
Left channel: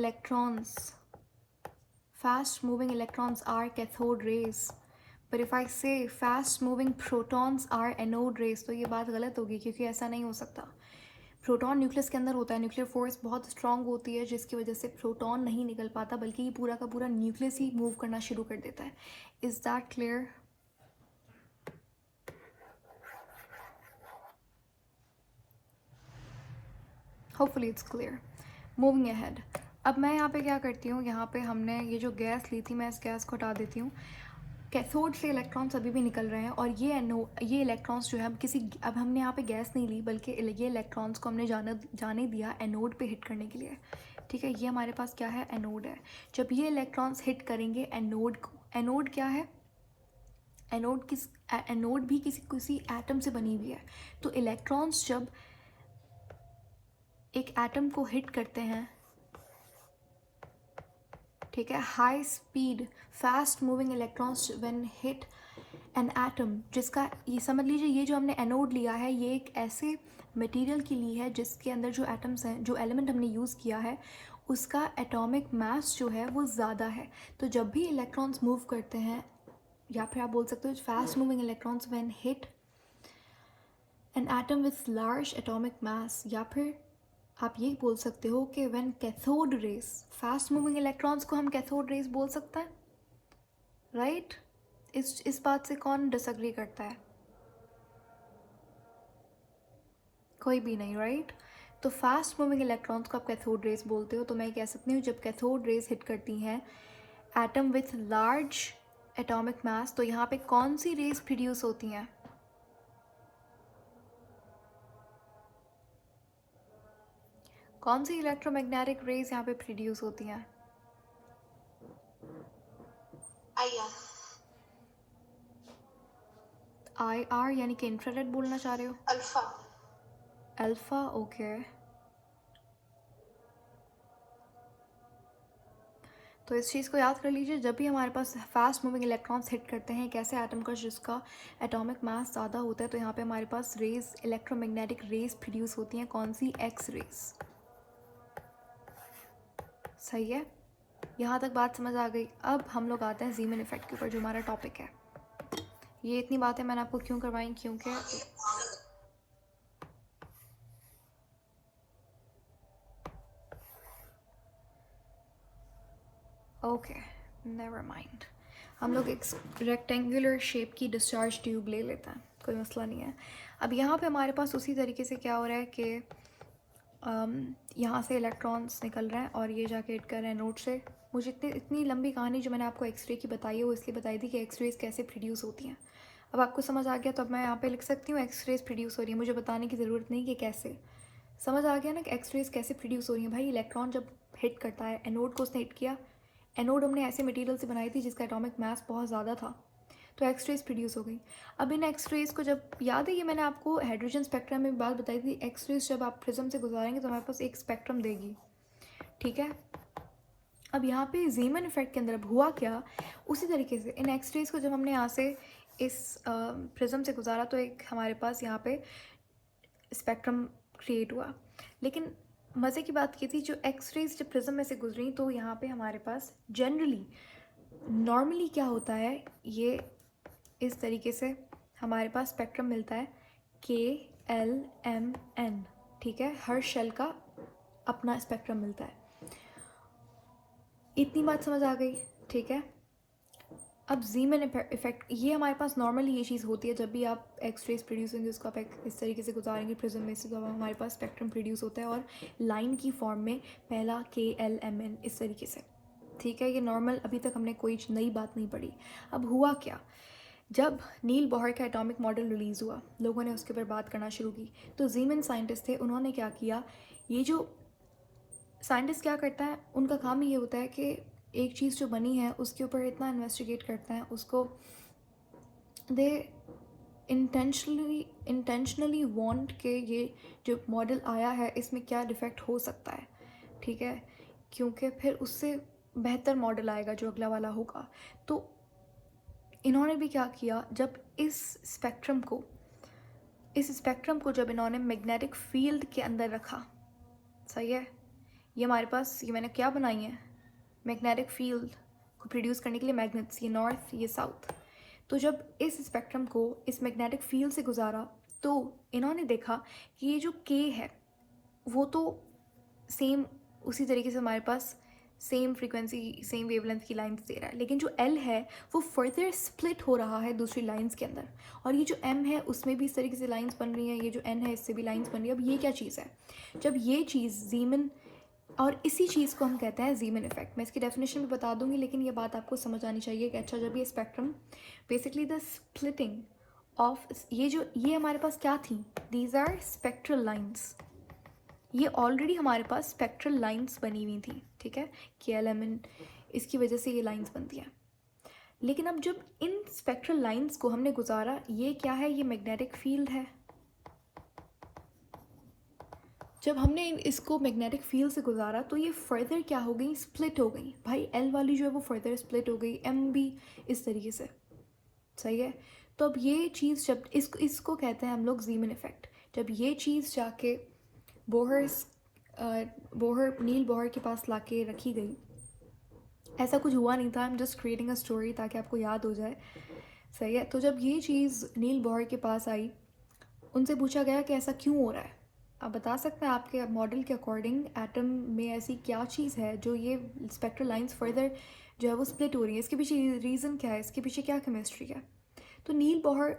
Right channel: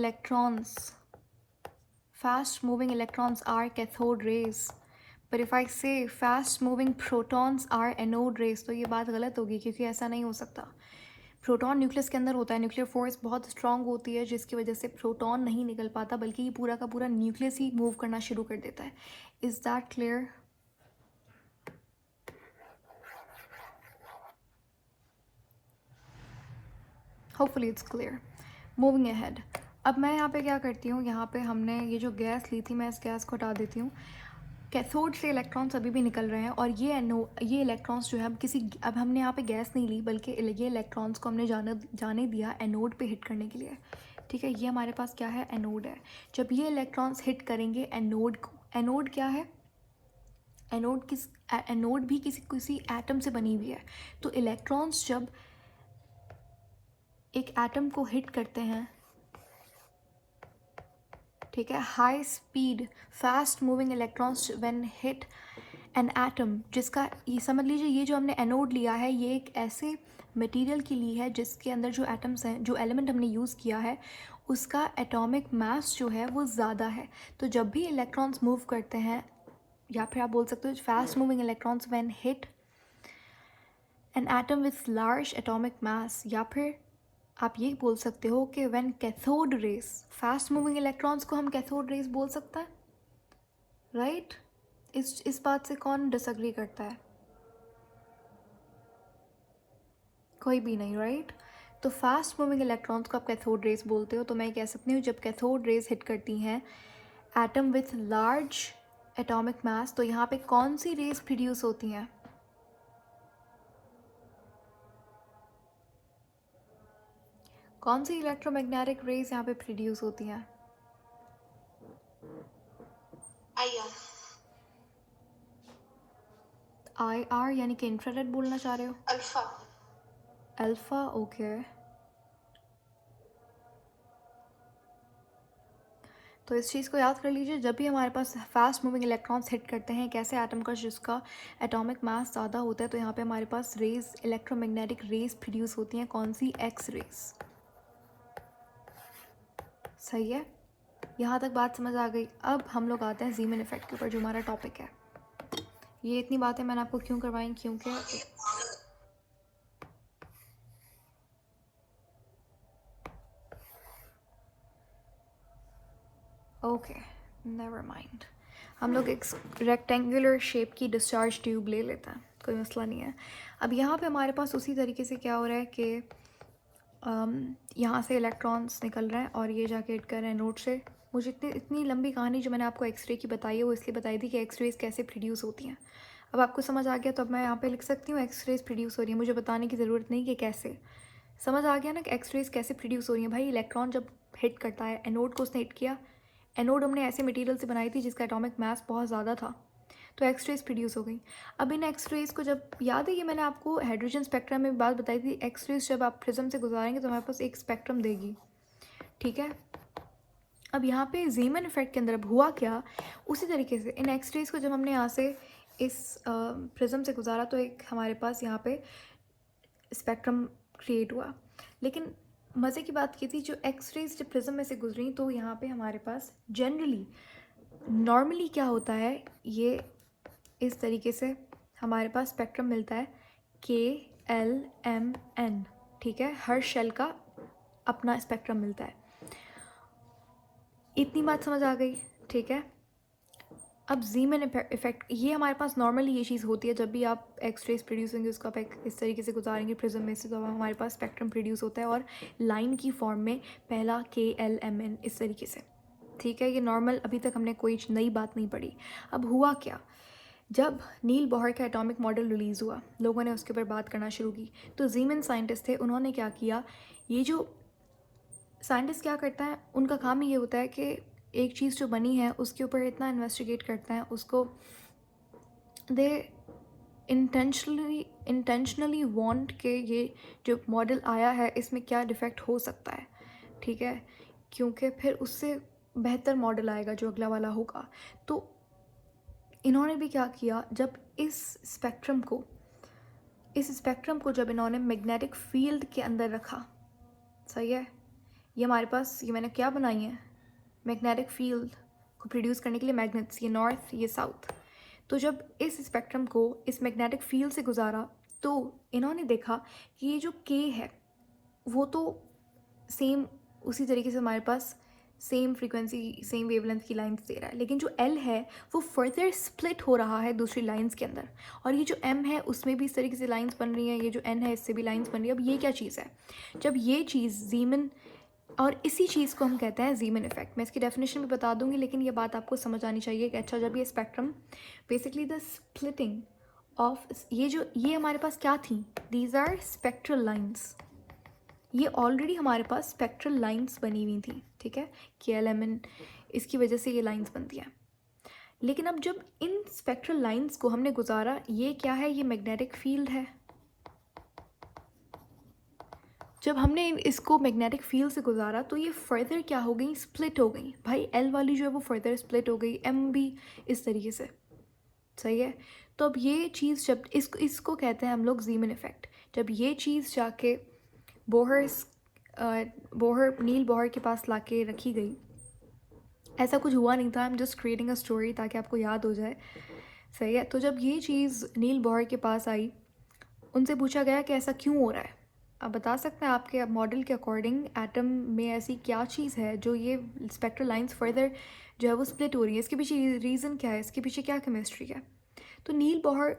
electrons are cathode rays, but if I say fast moving protons are anode rays, तो ये बात गलत होगी क्योंकि ऐसा नहीं हो सकता. प्रोटॉन न्यूक्लियस के अंदर होता है, न्यूक्लियर फोर्स बहुत स्ट्रांग होती है जिसकी वजह से प्रोटॉन नहीं निकल पाता बल्कि ये पूरा का पूरा न्यूक्लियस ही मूव करना शुरू कर देता है. Is that clear? Hopefully it's clear. Moving ahead. अब मैं यहाँ पे क्या करती हूँ, यहाँ पे हमने ये जो गैस ली थी मैं इस गैस को हटा देती हूँ. कैथोड से इलेक्ट्रॉन्स अभी भी निकल रहे हैं और ये इलेक्ट्रॉन्स जो है अब हमने यहाँ पे गैस नहीं ली बल्कि ये इलेक्ट्रॉन्स को हमने जाने दिया एनोड पे हिट करने के लिए. ठीक है, ये हमारे पास क्या है, एनोड है. जब ये इलेक्ट्रॉन्स हिट करेंगे एनोड को, एनोड क्या है, एनोड भी किसी एटम से बनी हुई है. तो इलेक्ट्रॉन्स जब एक एटम को हिट करते हैं, ठीक है, high speed fast moving electrons when hit an atom, जिसका ये समझ लीजिए ये जो हमने एनोड लिया है ये एक ऐसे मटेरियल की ली है जिसके अंदर जो एटम्स हैं, जो एलिमेंट हमने यूज़ किया है उसका एटॉमिक मास जो है वो ज़्यादा है. तो जब भी इलेक्ट्रॉन्स मूव करते हैं, या फिर आप बोल सकते हो fast moving electrons when hit an atom with large atomic mass, या फिर आप ये बोल सकते हो कि when cathode rays, fast moving electrons को हम कैथोड रेस बोल सकते हैं, राइट? इस बात से कौन डिसएग्री करता है? कोई भी नहीं, राइट? तो फास्ट मूविंग इलेक्ट्रॉन्स को आप कैथोड रेस बोलते हो. तो मैं कह सकती हूँ जब कैथोड रेस हिट करती हैं atom with large atomic mass, तो यहाँ पे कौन सी रेस प्रोड्यूस होती हैं? कौन सी इलेक्ट्रोमैग्नेटिक रेज यहाँ पे प्रोड्यूस होती हैं? IR यानी कि इंफ्रारेड बोलना चाह रहे हो? अल्फा. Alpha, okay. तो इस चीज़ को याद कर लीजिए, जब भी हमारे पास फास्ट मूविंग इलेक्ट्रॉन्स हिट करते हैं एक ऐसे एटम का जिसका एटॉमिक मास ज़्यादा होता है, तो यहाँ पे हमारे पास रेज, इलेक्ट्रोमैग्नेटिक रेज प्रोड्यूस होती हैं. कौन सी? X raise. सही है, यहाँ तक बात समझ आ गई. अब हम लोग आते हैं ज़ीमन इफेक्ट के ऊपर जो हमारा टॉपिक है. ये इतनी बातें मैंने आपको क्यों करवाई, क्योंकि ओके नेवर माइंड, हम लोग एक रेक्टेंगुलर शेप की डिस्चार्ज ट्यूब ले लेते हैं, कोई मसला नहीं है. अब यहाँ पे हमारे पास उसी तरीके से क्या हो रहा है कि यहाँ से इलेक्ट्रॉन्स निकल रहे हैं और ये जाके हिट कर रहे हैं एनोड से. मुझे इतनी लंबी कहानी जो मैंने आपको एक्सरे की बताई है वो इसलिए बताई थी कि एक्सरेज कैसे प्रोड्यूस होती हैं. अब आपको समझ आ गया तो अब मैं यहाँ पे लिख सकती हूँ एक्सरेज प्रोड्यूस हो रही है. मुझे बताने की ज़रूरत नहीं कि कैसे. समझ आ गया ना कि एक्सरेज कैसे प्रोड्यूस हो रही है. भाई इलेक्ट्रॉन जब हिट करता है एनोड को, उसने हिट किया, एनोड हमने ऐसे मटेरियल से बनाई थी जिसका एटॉमिक मास बहुत ज़्यादा था, तो एक्सरेज प्रोड्यूस हो गई. अब इन एक्सरेज को जब, याद है कि मैंने आपको हाइड्रोजन स्पेक्ट्रम में बात बताई थी, एक्सरेज जब आप प्रिज्म से गुजारेंगे तो हमारे पास एक स्पेक्ट्रम देगी. ठीक है, अब यहाँ पे ज़ीमन इफेक्ट के अंदर अब हुआ क्या, उसी तरीके से इन एक्सरेज को जब हमने यहाँ से इस प्रिज्म से गुजारा तो एक हमारे पास यहाँ पे स्पेक्ट्रम क्रिएट हुआ. लेकिन मज़े की बात ये थी, जो एक्सरेज जब प्रिज्म में से गुजरी तो यहाँ पे हमारे पास नॉर्मली क्या होता है, ये इस तरीके से हमारे पास स्पेक्ट्रम मिलता है KLMN. ठीक है, हर शेल का अपना स्पेक्ट्रम मिलता है. इतनी बात समझ आ गई? ठीक है, अब ज़ीमन इफेक्ट, ये हमारे पास नॉर्मली ये चीज़ होती है जब भी आप एक्सरेज प्रोड्यूस होंगे उसको आप इस तरीके से गुजारेंगे प्रिज्म में से, तो हमारे पास स्पेक्ट्रम प्रोड्यूस होता है और लाइन की फॉर्म में पहला KLMN इस तरीके से. ठीक है, ये नॉर्मल, अभी तक हमने कोई नई बात नहीं पढ़ी. अब हुआ क्या, जब नील बोहर का एटॉमिक मॉडल रिलीज़ हुआ, लोगों ने उसके ऊपर बात करना शुरू की. तो ज़ीमन साइंटिस्ट थे, उन्होंने क्या किया, ये जो साइंटिस्ट क्या करता है, उनका काम ये होता है कि एक चीज़ जो बनी है उसके ऊपर इतना इन्वेस्टिगेट करते हैं, उसको दे इंटेंशनली वांट के ये जो मॉडल आया है इसमें क्या डिफेक्ट हो सकता है. ठीक है, क्योंकि फिर उससे बेहतर मॉडल आएगा जो अगला वाला होगा. तो इन्होंने भी क्या किया, जब इस स्पेक्ट्रम को जब इन्होंने मैग्नेटिक फील्ड के अंदर रखा, सही है, ये हमारे पास, ये मैंने क्या बनाई है, मैग्नेटिक फील्ड को प्रोड्यूस करने के लिए मैग्नेट्स, ये नॉर्थ ये साउथ। तो जब इस स्पेक्ट्रम को इस मैग्नेटिक फील्ड से गुजारा तो इन्होंने देखा कि ये जो के है वो तो सेम उसी तरीके से हमारे पास सेम फ्रीक्वेंसी सेम वेवलेंथ की लाइंस दे रहा है, लेकिन जो एल है वो फर्दर स्प्लिट हो रहा है दूसरी लाइंस के अंदर, और ये जो एम है उसमें भी इस तरीके से लाइंस बन रही हैं, ये जो एन है इससे भी लाइंस बन रही है। अब ये क्या चीज़ है, जब ये चीज़ जीमन, और इसी चीज़ को हम कहते हैं जीमन इफेक्ट। मैं इसकी डेफिनेशन भी बता दूंगी, लेकिन ये बात आपको समझ आनी चाहिए कि अच्छा, जब ये spectrum basically the splitting of, ये हमारे पास क्या थी, दीज आर स्पेक्ट्रल लाइंस, ये ऑलरेडी हमारे पास स्पेक्ट्रल लाइंस बनी हुई थी, ठीक है, के एल एम एन, इसकी वजह से ये लाइंस बनती हैं। लेकिन अब जब इन स्पेक्ट्रल लाइंस को हमने गुजारा, ये क्या है, ये मैग्नेटिक फील्ड है। जब हमने इसको मैग्नेटिक फील्ड से गुजारा तो ये फर्दर क्या हो गई, स्प्लिट हो गई। भाई एल वाली जो है वो फर्दर स्प्लिट हो गई, एम भी इस तरीके से, सही है। तो अब ये चीज़ जब इसको कहते हैं हम लोग जीमन इफेक्ट। जब ये चीज़ जाके नील बोहर के पास लाके रखी गई, ऐसा कुछ हुआ नहीं था, I am just creating a story ताकि आपको याद हो जाए, सही है। तो जब ये चीज़ नील बोहर के पास आई, उनसे पूछा गया कि ऐसा क्यों हो रहा है, आप बता सकते हैं आपके मॉडल के अकॉर्डिंग एटम में ऐसी क्या चीज़ है जो ये स्पेक्ट्रल लाइंस फर्दर जो है वो स्प्लिट हो रही है, इसके पीछे रीज़न क्या है, इसके पीछे क्या केमिस्ट्री है। तो नील बोहर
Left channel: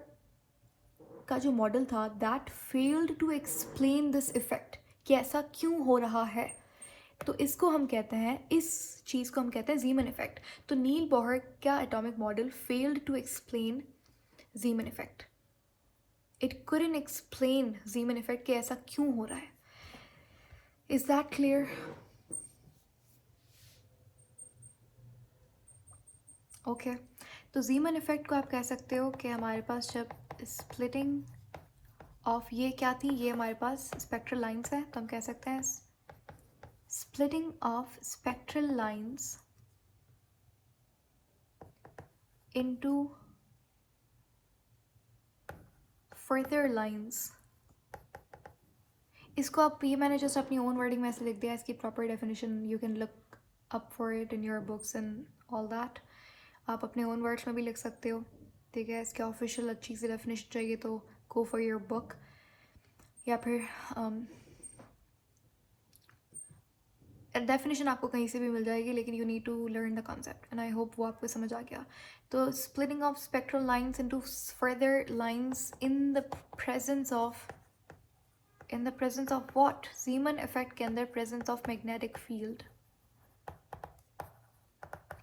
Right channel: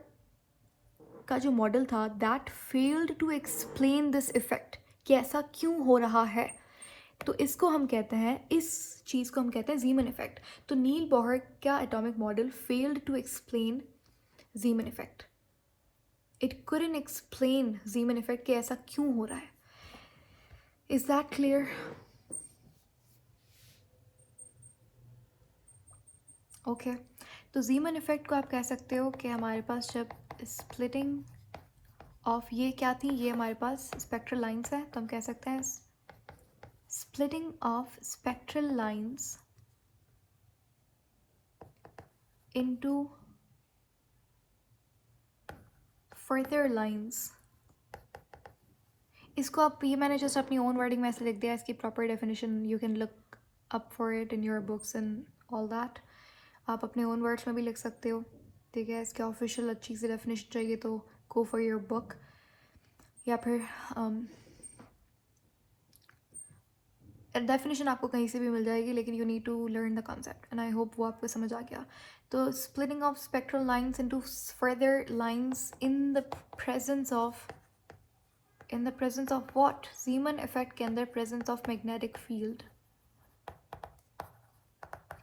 का जो मॉडल था that failed to explain this effect, कि ऐसा क्यों हो रहा है। तो इसको हम कहते हैं, इस चीज़ को हम कहते हैं जीमन इफेक्ट। तो नील बोहर का atomic model failed to explain Zeeman effect, it couldn't explain Zeeman effect कि ऐसा क्यों हो रहा है। Is that clear? ओके, तो जीमन इफेक्ट को आप कह सकते हो कि हमारे पास जब स्प्लिटिंग ऑफ, ये क्या थी, ये हमारे पास स्पेक्ट्रल लाइंस है, तो हम कह सकते हैं splitting of spectral lines into further lines. इसको आप, ये मैंने जस्ट अपनी ओन वर्डिंग में ऐसे लिख दिया, इसकी proper definition you can look up for it in your books and all that, आप अपने ओन वर्ड्स में भी लिख सकते हो, ठीक है। इसके ऑफिशियल अच्छी सी डेफिनेशन चाहिए तो गो फॉर योर बुक, या फिर डेफिनेशन आपको कहीं से भी मिल जाएगी, लेकिन you need to learn the concept and I hope वो आपको समझ आ गया। तो splitting of spectral lines into further lines in the presence of what, Zeeman effect के अंदर प्रेजेंस ऑफ मैग्नेटिक फील्ड,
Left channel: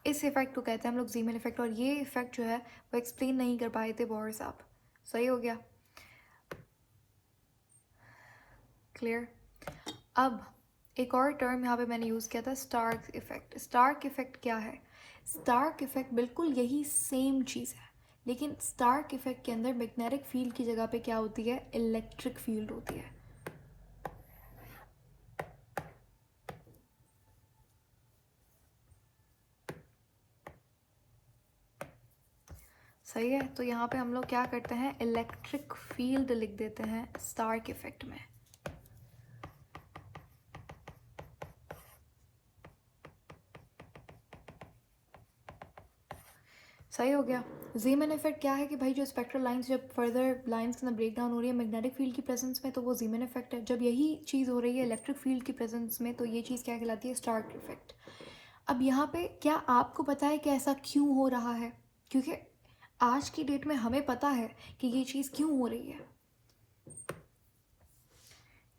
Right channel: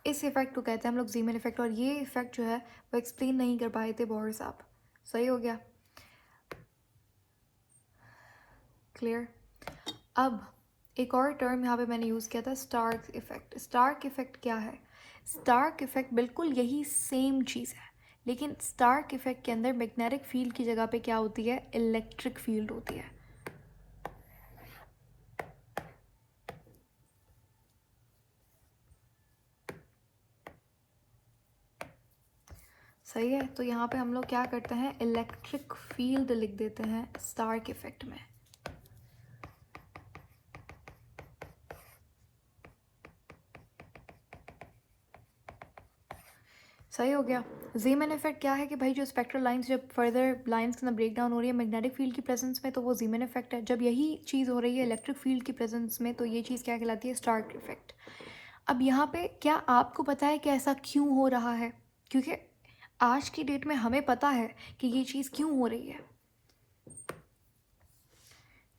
इस इफेक्ट को कहते हैं हम लोग जीमन इफेक्ट। और ये इफेक्ट जो है वो एक्सप्लेन नहीं कर पाए थे बोहर साहब, सही हो गया, क्लियर। अब एक और टर्म यहाँ पे मैंने यूज़ किया था, स्टार्क इफेक्ट। स्टार्क इफेक्ट क्या है, स्टार्क इफेक्ट बिल्कुल यही सेम चीज़ है, लेकिन स्टार्क इफेक्ट के अंदर मैग्नेटिक फील्ड की जगह पे क्या होती है, इलेक्ट्रिक फील्ड होती है। सही है, तो यहाँ पे हम लोग क्या करते हैं, इलेक्ट्रिक फील्ड लिख देते हैं स्टार्क इफेक्ट में। सही हो गया। जीमन इफेक्ट क्या है कि भाई जो स्पेक्ट्रल लाइंस जब फर्दर लाइंस के अंदर ब्रेक डाउन हो रही है मैग्नेटिक फील्ड की प्रेजेंस में, तो वो जीमन इफेक्ट है। जब यही चीज़ हो रही है इलेक्ट्रिक फील्ड की प्रेजेंस में, तो ये चीज़ क्या कहलाती है, स्टार्क इफेक्ट। अब यहाँ पे क्या आपको पता है कि ऐसा क्यों हो रहा है, क्योंकि आज की डेट में हमें पता है कि ये चीज़ क्यों हो रही है।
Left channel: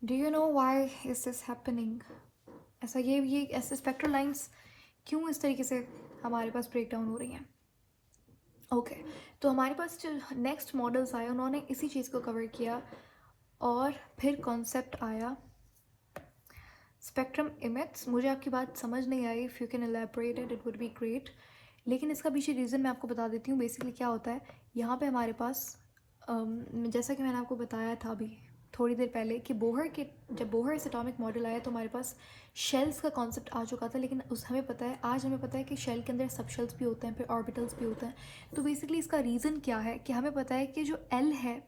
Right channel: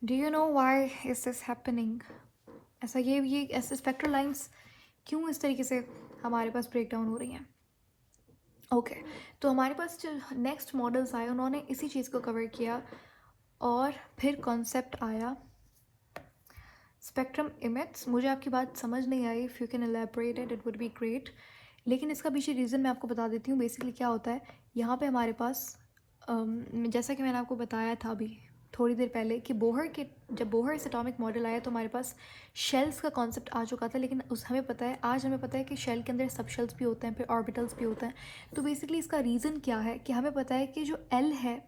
Do you know why is this happening, ऐसा ये ऐसे स्पेक्ट्रल लाइंस क्यों इस तरीके से हमारे पास ब्रेक डाउन हो रही हैं। ओके, तो हमारे पास जो नेक्स्ट मॉडल्स आए उन्होंने इसी चीज़ को कवर किया, और फिर कॉन्सेप्ट आया स्पेक्ट्रम इमेट्स। मुझे आपकी बात समझ नहीं आई, if you can elaborate it would be great, लेकिन इसका पीछे रीज़न मैं आपको बता देती हूँ। बेसिकली क्या होता है, यहाँ पे हमारे पास जैसा कि मैंने आपको बताया था अभी थोड़ी देर पहले कि जब बोहर से एटॉमिक मॉडल आया तो हमारे पास शेल्स का कॉन्सेप्ट आ चुका था, लेकिन आज हमें पता है कि शेल के अंदर सब शेल्स भी होते हैं, फिर ऑर्बिटल्स भी होते हैं। तो बेसिकली इसका रीज़न क्या है कि हमें पता है कि जो एल है,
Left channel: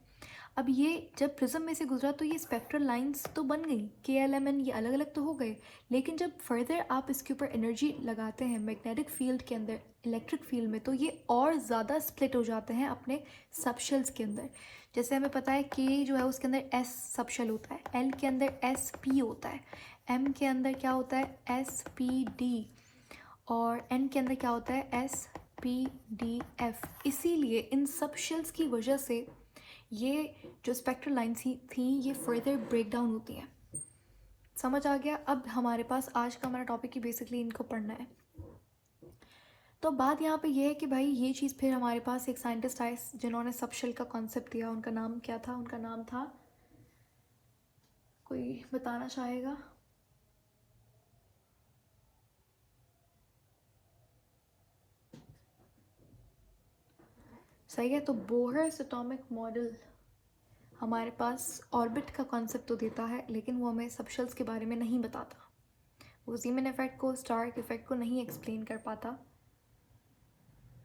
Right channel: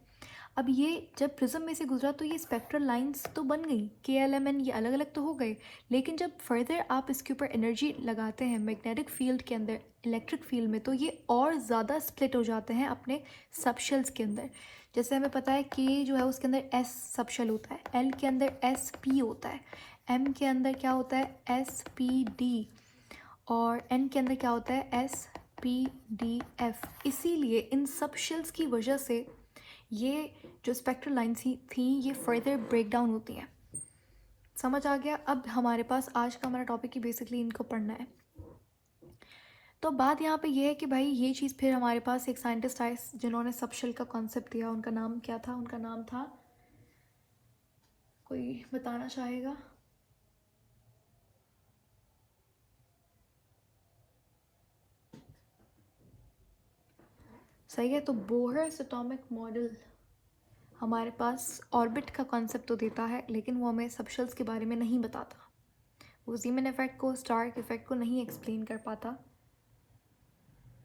अब ये जब प्रिज्म में से गुजरा तो ये स्पेक्ट्रल लाइंस तो बन गई, KLMN ये अलग अलग तो हो गए, लेकिन जब फर्दर आप इसके ऊपर एनर्जी लगाते हैं मैग्नेटिक फील्ड के अंदर, इलेक्ट्रिक फील्ड में, तो ये और ज़्यादा स्प्लिट हो जाते हैं अपने सबशेल्स के अंदर। जैसे हमें पता है K जो है उसके अंदर S सबशेल होता है, L के अंदर SP होता है, M के अंदर क्या होता है SPD, और N के अंदर क्या होता है SPDF। इसीलिए इन सब शेल्स की वजह से ये जो स्पेक्ट्रल लाइन्स थी ये फर्दर ब्रेक डाउन होती हैं। समझ आ गया? अब हमारे पास आज का हमारा टॉपिक ही बेसिकली इनको पढ़ना है। तो बात यहाँ पे ये है कि भाई ये चीज़ फिर हमारे पास एक साइंटिस्ट आए जिन्होंने सबशेल का कॉन्सेप्ट दिया। उनका नाम क्या था? उनका नाम था, कोई बताना चाहेगा? सही है। तो बोहर्स एटॉमिक मॉडल हमारे पास ऑर्बिट का कॉन्सेप्ट तो देता है, लेकिन वो हमें सबशेल्स के बारे में नहीं बताता। वो ज़ीमन इफेक्ट को, स्टार्क इफेक्ट को नहीं एक्सप्लेन कर पाता।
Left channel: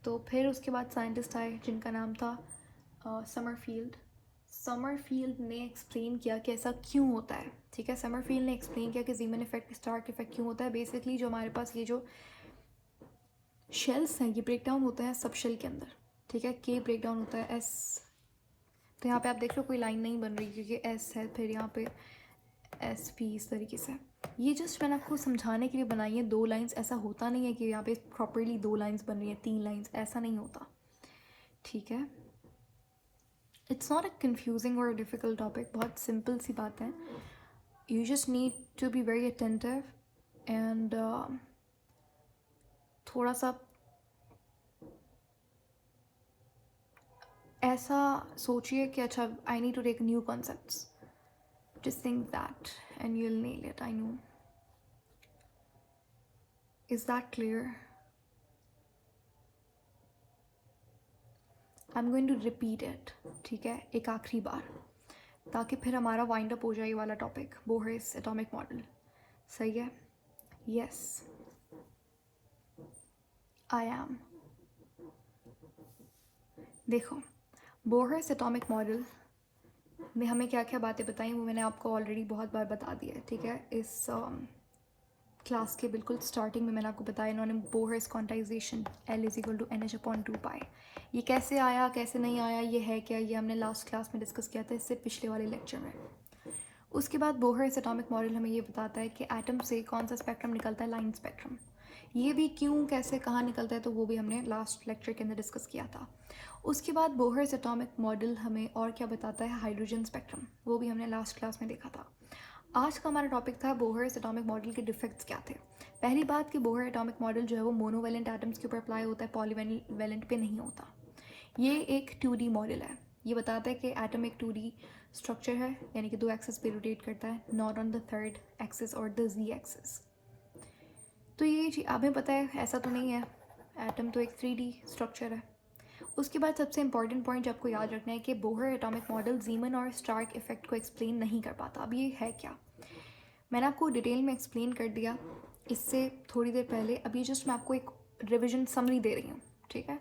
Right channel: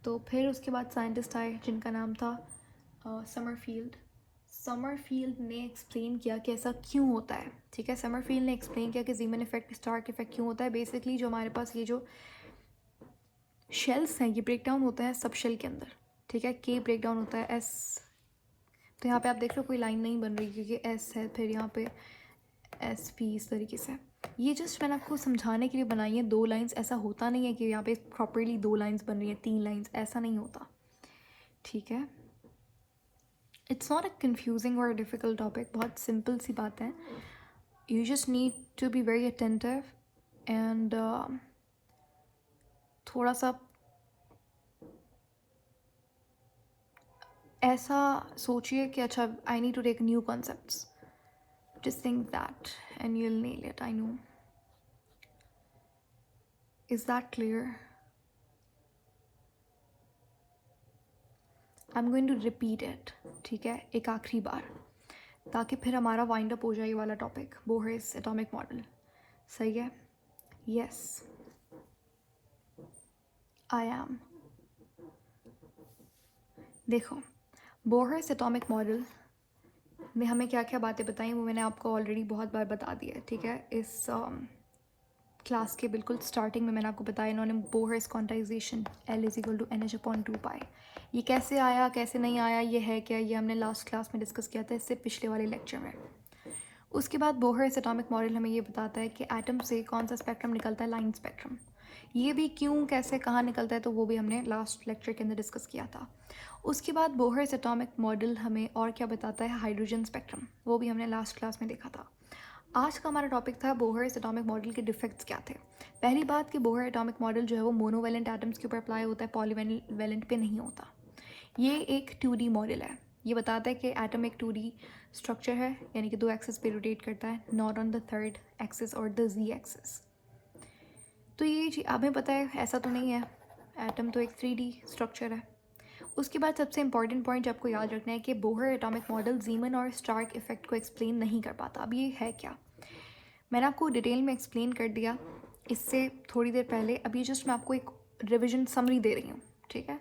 तो फिर उसके बाद साइंटिस्ट आए जिनका नाम था समरफील्ड। समरफील्ड ने एक्सप्लेन किया कि ऐसा क्यों होता है। ठीक है, समरफील्ड ने एक्सप्लेन किया कि ज़ीमन इफेक्ट, स्टार्क इफेक्ट क्यों होता है। बेसिकली जो हमारे पास ये जो शेल्स हैं ये ब्रेक डाउन होते हैं सब शेल के अंदर। ठीक है, K ब्रेक डाउन होता है S। तो यहाँ पे आप देख रहे हो कोई लाइन नहीं बन रही क्योंकि S है, फिर यहाँ पे SP इस तरीके से। ये जस्ट मैंने आपको समझाने के लिए बनाई है 2 लाइंस। ऐसा होता नहीं है कि यहाँ पे प्रॉपरली 2 लाइंस बन रही है, 3 लाइंस, ऐसा नहीं होता। ठीक है, इट्स नॉट अ कन्फ्यूजिंग और डिफ़िकल्ट टॉपिक, बहुत सिंपल सी बात है। You just need to be very attentive and थोड़ा सा ऐसा सोचिए कि अच्छा I need to take new concepts, just think that and you'll nail it, I know. Is that clear? I'm going to repeat it, ठीक है, एक आखिरी बार, ताकि फिर हमारा वाइंड अप हो जाए ये वाला टॉपिक, बोहर्स एटॉमिक मॉडल। सही है? Yes, I am. देखो, बोहर्स एटॉमिक मॉडल ने हमें क्या क्या बातें बताई वो मैंने आपको ऑलरेडी बहुत बार बता दिया है। ठीक है, इस क्लास के बिल्कुल स्टार्टिंग में मैंने आपको बताया इन्होंने बोहर्स क्वांटाइजेशन L=NH/2π। ये कैसे आया, कैसे नहीं आया, ये है क्या, ये हमने लास्ट क्लास में डिस्कस किया था, इससे पिछले वाले लेक्चर में। उसके बाद बोहर्स एटॉमिक मॉडल हमें ये बताता है कि एटम से कौन सा स्पेक्ट्रम निकलता है, लाइन स्पेक्ट्रम। ये भी क्यों, कैसे, कहाँ निकलता है, तो वो भी हमने लास्ट लेक्चर के अंदर डिस्कस किया था। उसके बाद बोहर्स एटॉमिक मॉडल हमें और क्या बताता है, हाइड्रोजन स्पेक्ट्रम, वो भी हमने लास्ट क्लास में देखा था। आज का हमारा टॉपिक था बोहर्स एटॉमिक मॉडल के डिफेक्ट्स क्या थे। पहली बात कि बोहर एटॉमिक मॉडल जो है वो मोनोवेलेंट एटम्स के ऊपर अप्लाई होता है, पॉलीवेलेंट पे नहीं होता। ये एक 2D मॉडल है। ये बताता है कि एटम एक 2D स्ट्रक्चर है, यानी कि 2 एक्सिस पे रोटेट करता है, not on the 3rd axis और द Z एक्सिस। तो ये हमें पता है ऐसा तो नहीं है, एटम तो एक 3D स्ट्रक्चर है। उसके बाद सबसे इंपॉर्टेंट पॉइंट आपको याद रखना है कि बोहर एटॉमिक मॉडल ज़ीमन और स्टार्क इफेक्ट को एक्सप्लेन नहीं कर पाता। अब ये है क्या, मैंने आपको डिटेल में एक्सप्लेन कर दिया इससे थोड़ी देर पहले। अभी जस्ट मैं आपको एक रिविजन समरी दे रही हूँ। ठीक है,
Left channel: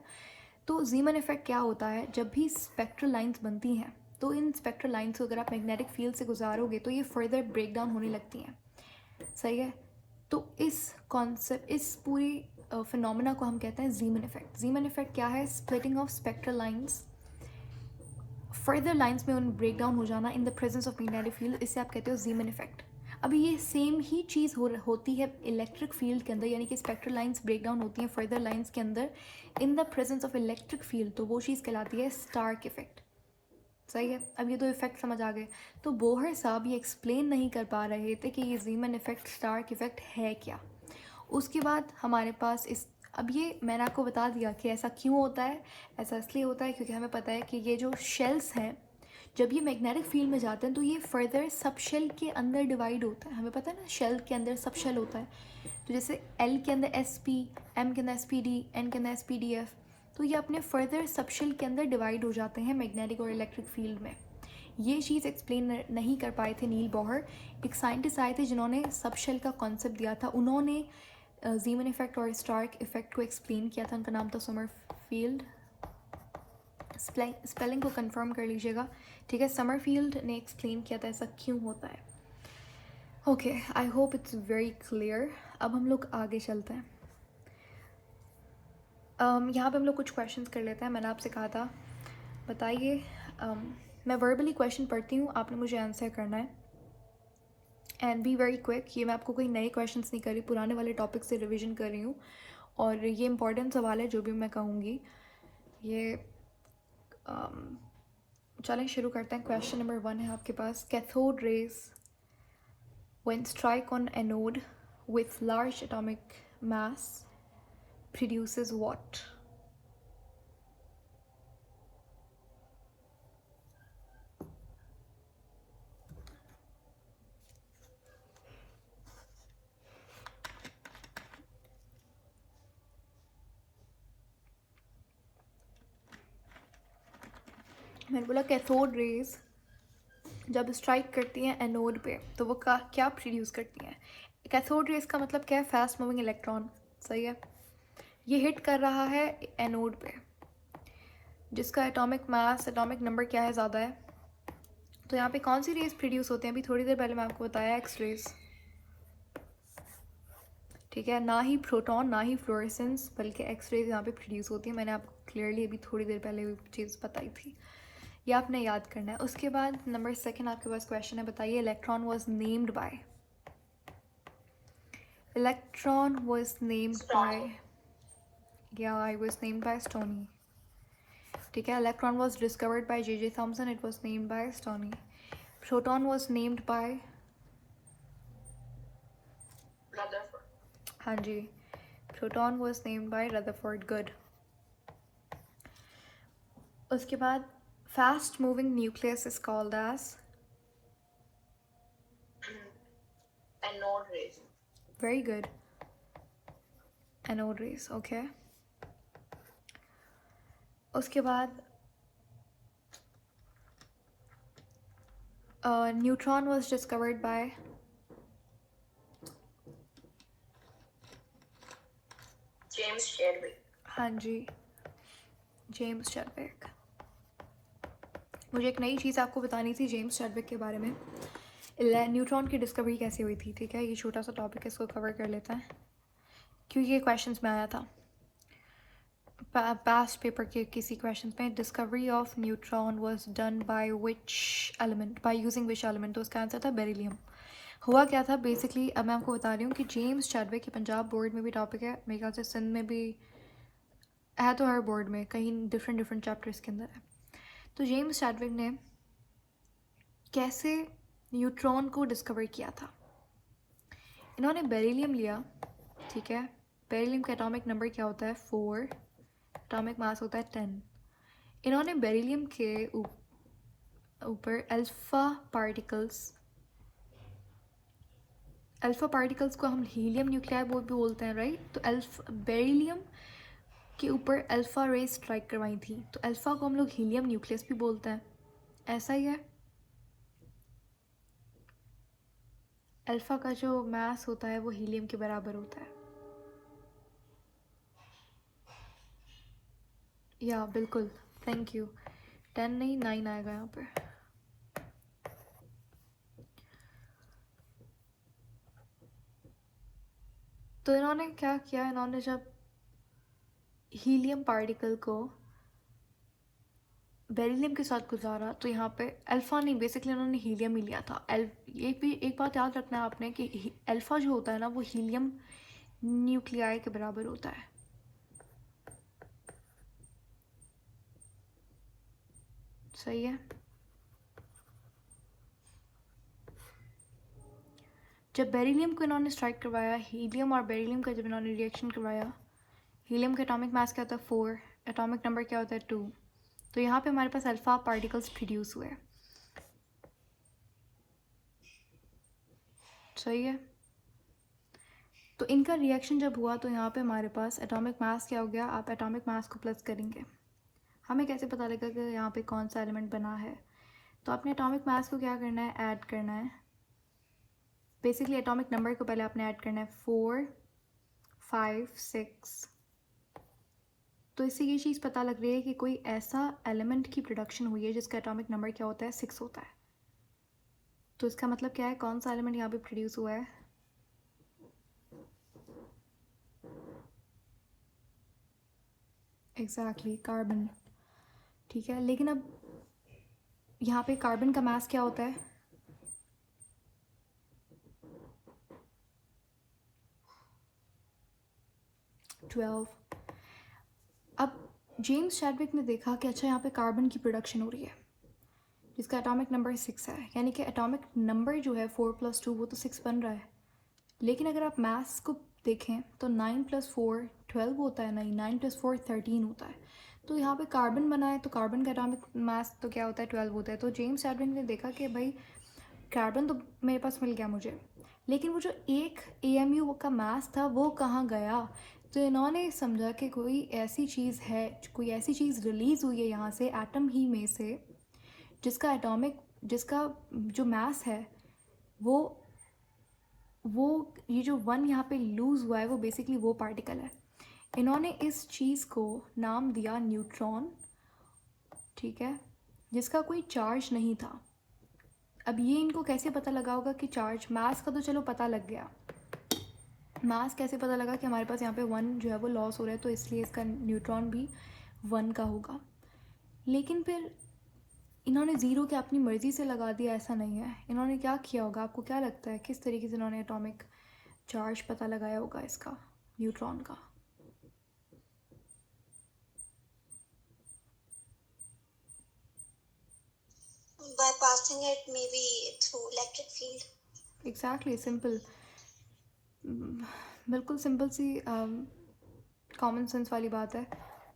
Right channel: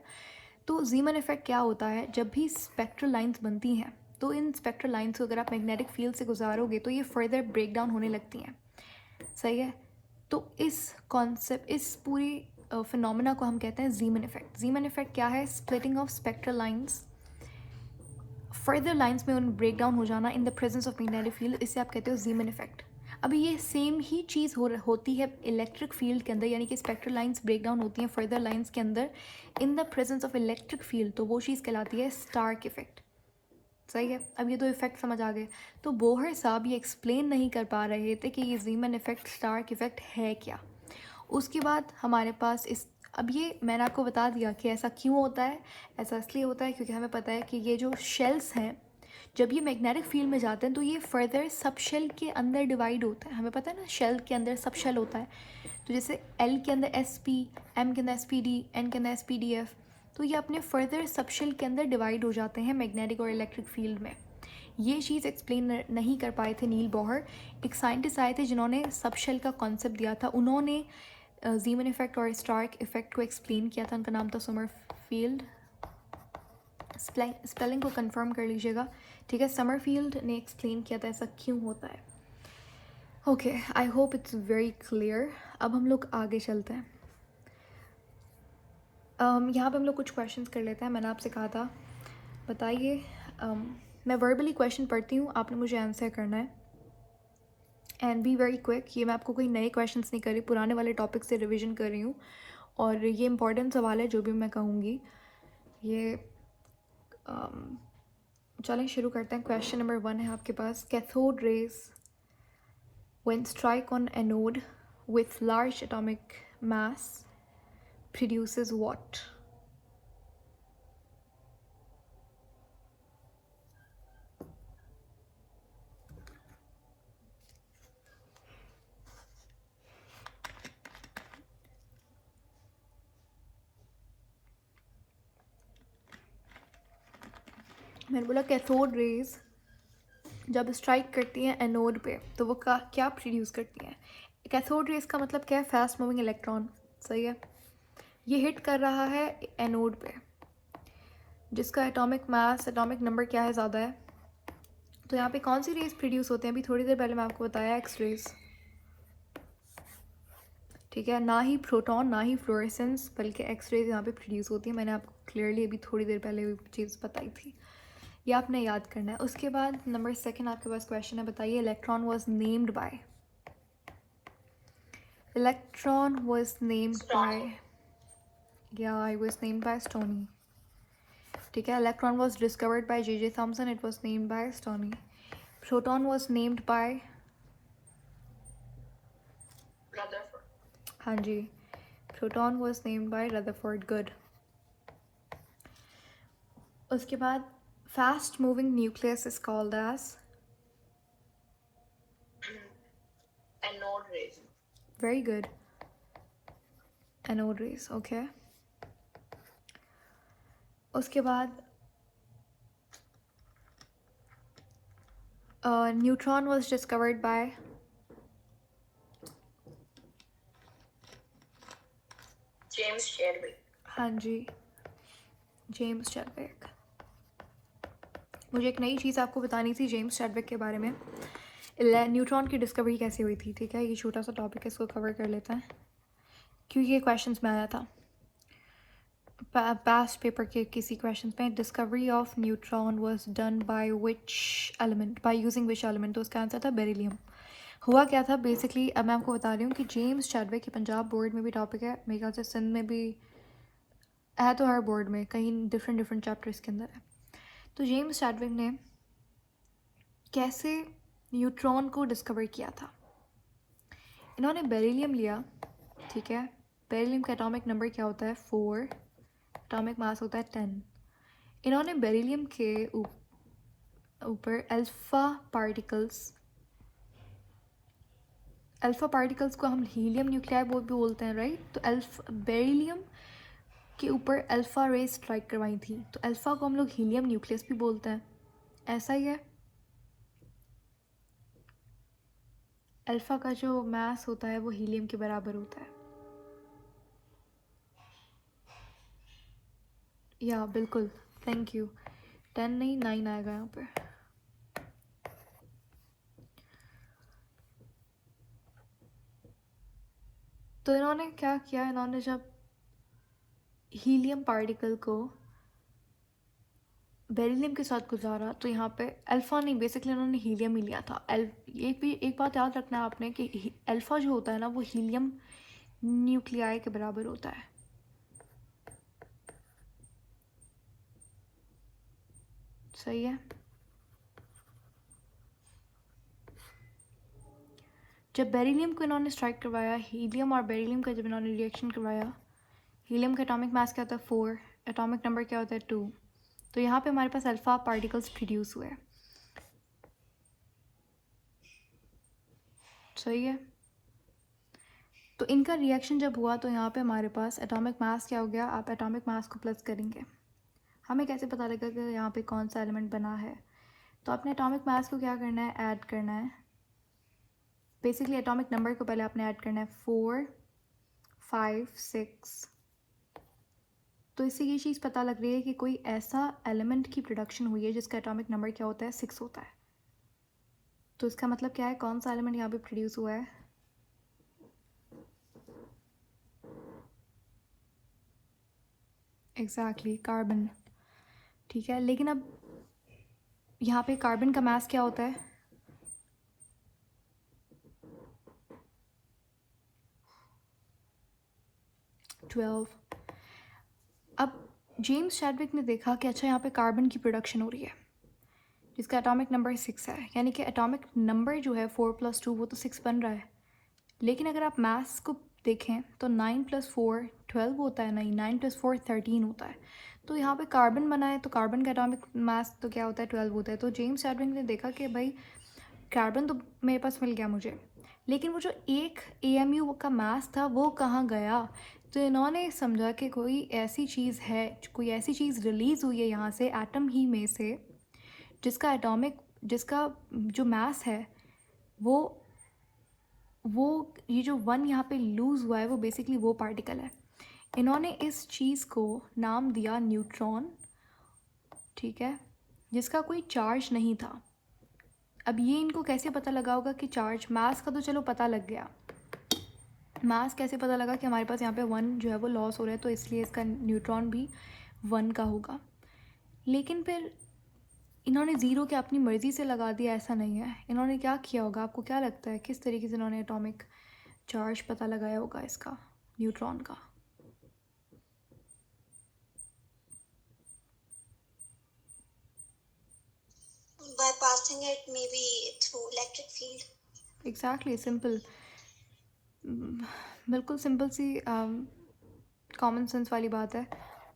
तो ज़ीमन इफेक्ट क्या होता है, जब भी स्पेक्ट्रल लाइंस बनती हैं तो इन स्पेक्ट्रल लाइंस को अगर आप मैग्नेटिक फील्ड से गुजारोगे तो ये फर्दर ब्रेक डाउन होने लगती हैं। सही है, तो इस कॉन्सेप्ट, इस पूरी फिनोमेना को हम कहते हैं ज़ीमन इफेक्ट। ज़ीमन इफेक्ट क्या है, splitting of spectral lines, further lines में उन ब्रेक डाउन हो जाना इन the presence of magnetic field, इससे आप कहते हो ज़ीमन इफेक्ट। अभी ये सेम ही चीज़ होती है इलेक्ट्रिक फील्ड के अंदर, यानी कि स्पेक्ट्रल लाइंस ब्रेक डाउन होती हैं फर्दर लाइंस के अंदर इन the presence of electric field, तो वो चीज़ कहलाती है स्टार्क इफेक्ट। सही है, अब ये 2 इफेक्ट समझ आ गए। तो बोहर साहब ये एक्सप्लेन नहीं कर पा रहे थे कि ये ज़ीमन इफेक्ट, स्टार्क इफेक्ट है क्या। उसके बाद हमारे पास अब ये मैंने आपको बता दिया कि ऐसा क्यों होता है। ऐसा इसलिए होता है क्योंकि हमें पता है कि ये जो शेल्स हैं जब ये मैग्नेटिक फील्ड में जाते हैं तो ये फर्दर सब शेल के अंदर डिवाइड होता है। हमें पता है ना, शेल के अंदर सब शेल होता है। तो जैसे L के अंदर SP, M के अंदर SPD, N के अंदर SPDF, तो ये अपने फर्दर सब शेल के अंदर डिवाइड हो जाते हैं मैग्नेटिक और इलेक्ट्रिक फील्ड में। ये चीज़ एक्सप्लेन नहीं कर पाए थे नील बोहर। एक साइंटिस्ट आए थे जिन्होंने सब शेल का कॉन्सेप्ट दिया था, उन्होंने ज़ीमन इफेक्ट और स्टार्क इफेक्ट को एक्सप्लेन किया था। उनका नाम था समरफील्ड। स्पेलिंग को कंफर्म कर लीजिएगा, ठीक है। समरफील्ड ने एक्सप्लेन किया था ऐसा क्यों होता है। Okay, I hope it's very clear. अब हम लोग आगे चलते हैं। यहाँ पे हम लोग कुछ क्वेश्चंस कर लेते हैं। मैंने आपसे कहा था बताइए, मैं वर्बली क्वेश्चन पढ़ती हूँ, आपने मुझे आंसर करना है एंड बी वेरी क्विक। ये मैं आपको कोई नए क्वेश्चंस नहीं कर रही, पुराने वाले टॉपिक से रिवीजन कर रही हूँ और ये इंपॉर्टेंट सवाल है जो भी मैं कहूँगी। ये चलें शुरू करते हैं। क्वेश्चन नंबर 1 है आपके पास, cathode rays when strike on anode with large atomic mass produces what? मैंने बोला कैथोड रेज जब स्ट्राइक करती हैं एनोड पे तो वो क्या प्रोड्यूस करती हैं। कैथोड रेज का मतलब क्या है, फास्ट मूविंग इलेक्ट्रॉन, सही है। ये हिट कर रहा है एनोड पे जिसका एटॉमिक मास, एटॉमिक नंबर क्या है, ज़्यादा है। तो यहाँ पे कौन सी रेज प्रोड्यूस होते हैं, अभी थोड़ी देर पहले मैं आपको बताया, एक्स रेज, ठीक है। ना ही प्रोटॉन ना ही फ्लोरेसेंस बल्कि एक्स रेज यहाँ पे प्रोड्यूस होती है। मैंने आपको क्लियरली अभी थोड़ी देर पहले भी चीज़ बताई थी, ये आपने याद करना है। उसके बाद नंबर 2 आपके पास क्वेश्चन है, बताइए electron was named by. Electron was named by, या I was named by Stoney, ठीक है। Electron was discovered by J Thomson, it was named by Stoney. Proton was named by, हाँ जी, proton was named by Rutherford, good. उसके बाद fast moving nucleus is called as Anode rays. Very good, anode rays, okay. उसके बाद neutron was discovered by, James Chadwick. हाँ जी, James Chadwick. मुझे एक नई चीज़ आपको बतानी थी जेम्स चैडविक के बारे में, न्यूट्रॉन की डिस्कवरी कैसे हुई थी, ठीक है। ये छोटा सा टॉपिक है, इसको कवर कर लेते हैं क्योंकि ये क्वेश्चंस में आया था पास्ट पेपर के किसी क्वेश्चन में। Discovery of neutron was done by which element, by using which element, तो उसका आंसर था बेरिलियम। हुआ क्या था बेसिकली, अब मैं आपको बता रही हूँ कि जेम्स चैडविक, पंजाब बोर्ड में भी टॉपिक है, मेरे ख्याल से सिंध में भी है, तो हर बोर्ड में कहीं डिफरेंट चैप्टर्स के अंदर है। तो जेम्स चैडविक ने कैसे न्यूट्रॉन को डिस्कवर किया था। इन्होंने बेरिलियम लिया, ठीक है। बेरिलियम का एटॉमिक नंबर क्या होता है, 4, एटॉमिक मास होता है 10। इन्होंने बेरिलियम के ऊपर अल्फा पार्टिकल्स को हम हीलियम न्यूक्लियाई भी बोलते हैं, राइट। तो बेरिलियम के ऊपर अल्फा रेज स्ट्राइक करवाई थी, तो अल्फा को हम लोग हीलियम न्यूक्लियस भी बोलते हैं, ऐसा ही है। अल्फा का जो मास होता है वो हीलियम के बराबर होता है, या बिल्कुल, थैंक यू। 10 नहीं 9 आएगा यहाँ पे। तो इन्होंने क्या किया, इन्होंने जब हीलियम पार्टिकल को बेरिलियम के साथ गुजारा तो यहाँ पे अल्फ़ा नहीं, बेसिकली उन्होंने हीलियम ही लिया था। एक बात याद रखना है आपने कि अल्फ़ा जो होता है ना वो हीलियम न्यूक्लियाई के बराबर होता है, सही है। जब बेरिलियम को इन्होंने स्ट्राइक करवाया, हीलियम और बेरिलियम का जब इन्होंने रिएक्शन करवाया, हीलियम का एटॉमिक मास क्या होता है 4, एटॉमिक नंबर क्या होता है 2, तो यहाँ पे हमारे पास अल्फ़ा पार्टिकल्स प्रोड्यूस हुए, सही है। तो इनका रिएक्शन जब हुआ तो यहाँ पे हमारे पास एटॉमिक मास क्या हो गया, आप एटॉमिक मास को प्लस करेंगे, हमें कैसे पता लगेगा कि यहाँ पे कौन सा एलिमेंट बना है। तो आपने एटॉमिक मास को क्या करना है, ऐड करना है। बेसिकली एटॉमिक नंबर को पहले आपने ऐड करना है, 4, 5, 6, तो इससे ये चीज़ पता लग रही है कि कोई ऐसा एलिमेंट की प्रोडक्शन हुई है जिसका एटॉमिक नंबर क्या होता है, 6 होता है। तो इसका मतलब क्या है, कौन सा एलिमेंट यहाँ पे प्रोड्यूस हुआ है? Exactly carbon. ठीक है, लेकिन अब यहाँ पे कार्बन का मास क्या होता है? 12। अब जेम्स चैडविक ने देखा कि अच्छा यहाँ पे कार्बन की प्रोडक्शन हो रही है जिसका एटॉमिक नंबर 6 है, यानी कि एटॉमिक नंबर जो है 4 + 2 वो तो 6 बन रहा है। लेकिन अगर आप मास को देखें तो 9 + 4 12 होता है, नहीं 9 + 4 13 होता है। तो यहाँ पे कार्बन बना है तो कार्बन का एटॉमिक मास तो क्या होता है, 12 होता है। तो जेम्स चैडविक ने देखा कि भाई कार्बन तो मेरे पास मिल गया मुझे, लेकिन वो जो एक AMU का मास था वो कहाँ गया? तो इन्होंने समझा कि कोई ऐसी चीज़ है, कोई ऐसी चीज़ रिलीज़ हुई है यहाँ से एटम ही में से जिसका जो मास है वो ये जो 1 यहाँ पे लूज़ हुआ है वो बेसिकली वो पार्टिकल है। इन्होंने इस चीज़ को नाम दिया न्यूट्रॉन, ठीक है, जिसका कोई चार्ज नहीं था। अब ये इनको कैसे पता लगा होगा कि चार्ज, मास का तो चलो पता लग गया, मास कैसे पता लगा कि हमारे पास यहाँ पे 1 जो है वो लॉस हो रहा है, तो इसलिए इसका न्यूट्रॉन भी 1 का होगा। लेकिन फिर इन्होंने ज़ीरो क्या अपनी मर्ज़ी से लगा दिया, ऐसा नहीं है। इन्होंने क्या किया होगा, आपको क्या लगता है किस तरीके से इन्होंने एटॉमिक चार्ज पता लगाया होगा इसका, न्यूट्रॉन का? By passing it maybe through electric field. Exactly, simple, बिल्कुल सिंपल सी कॉमन सेंस वाली बात है।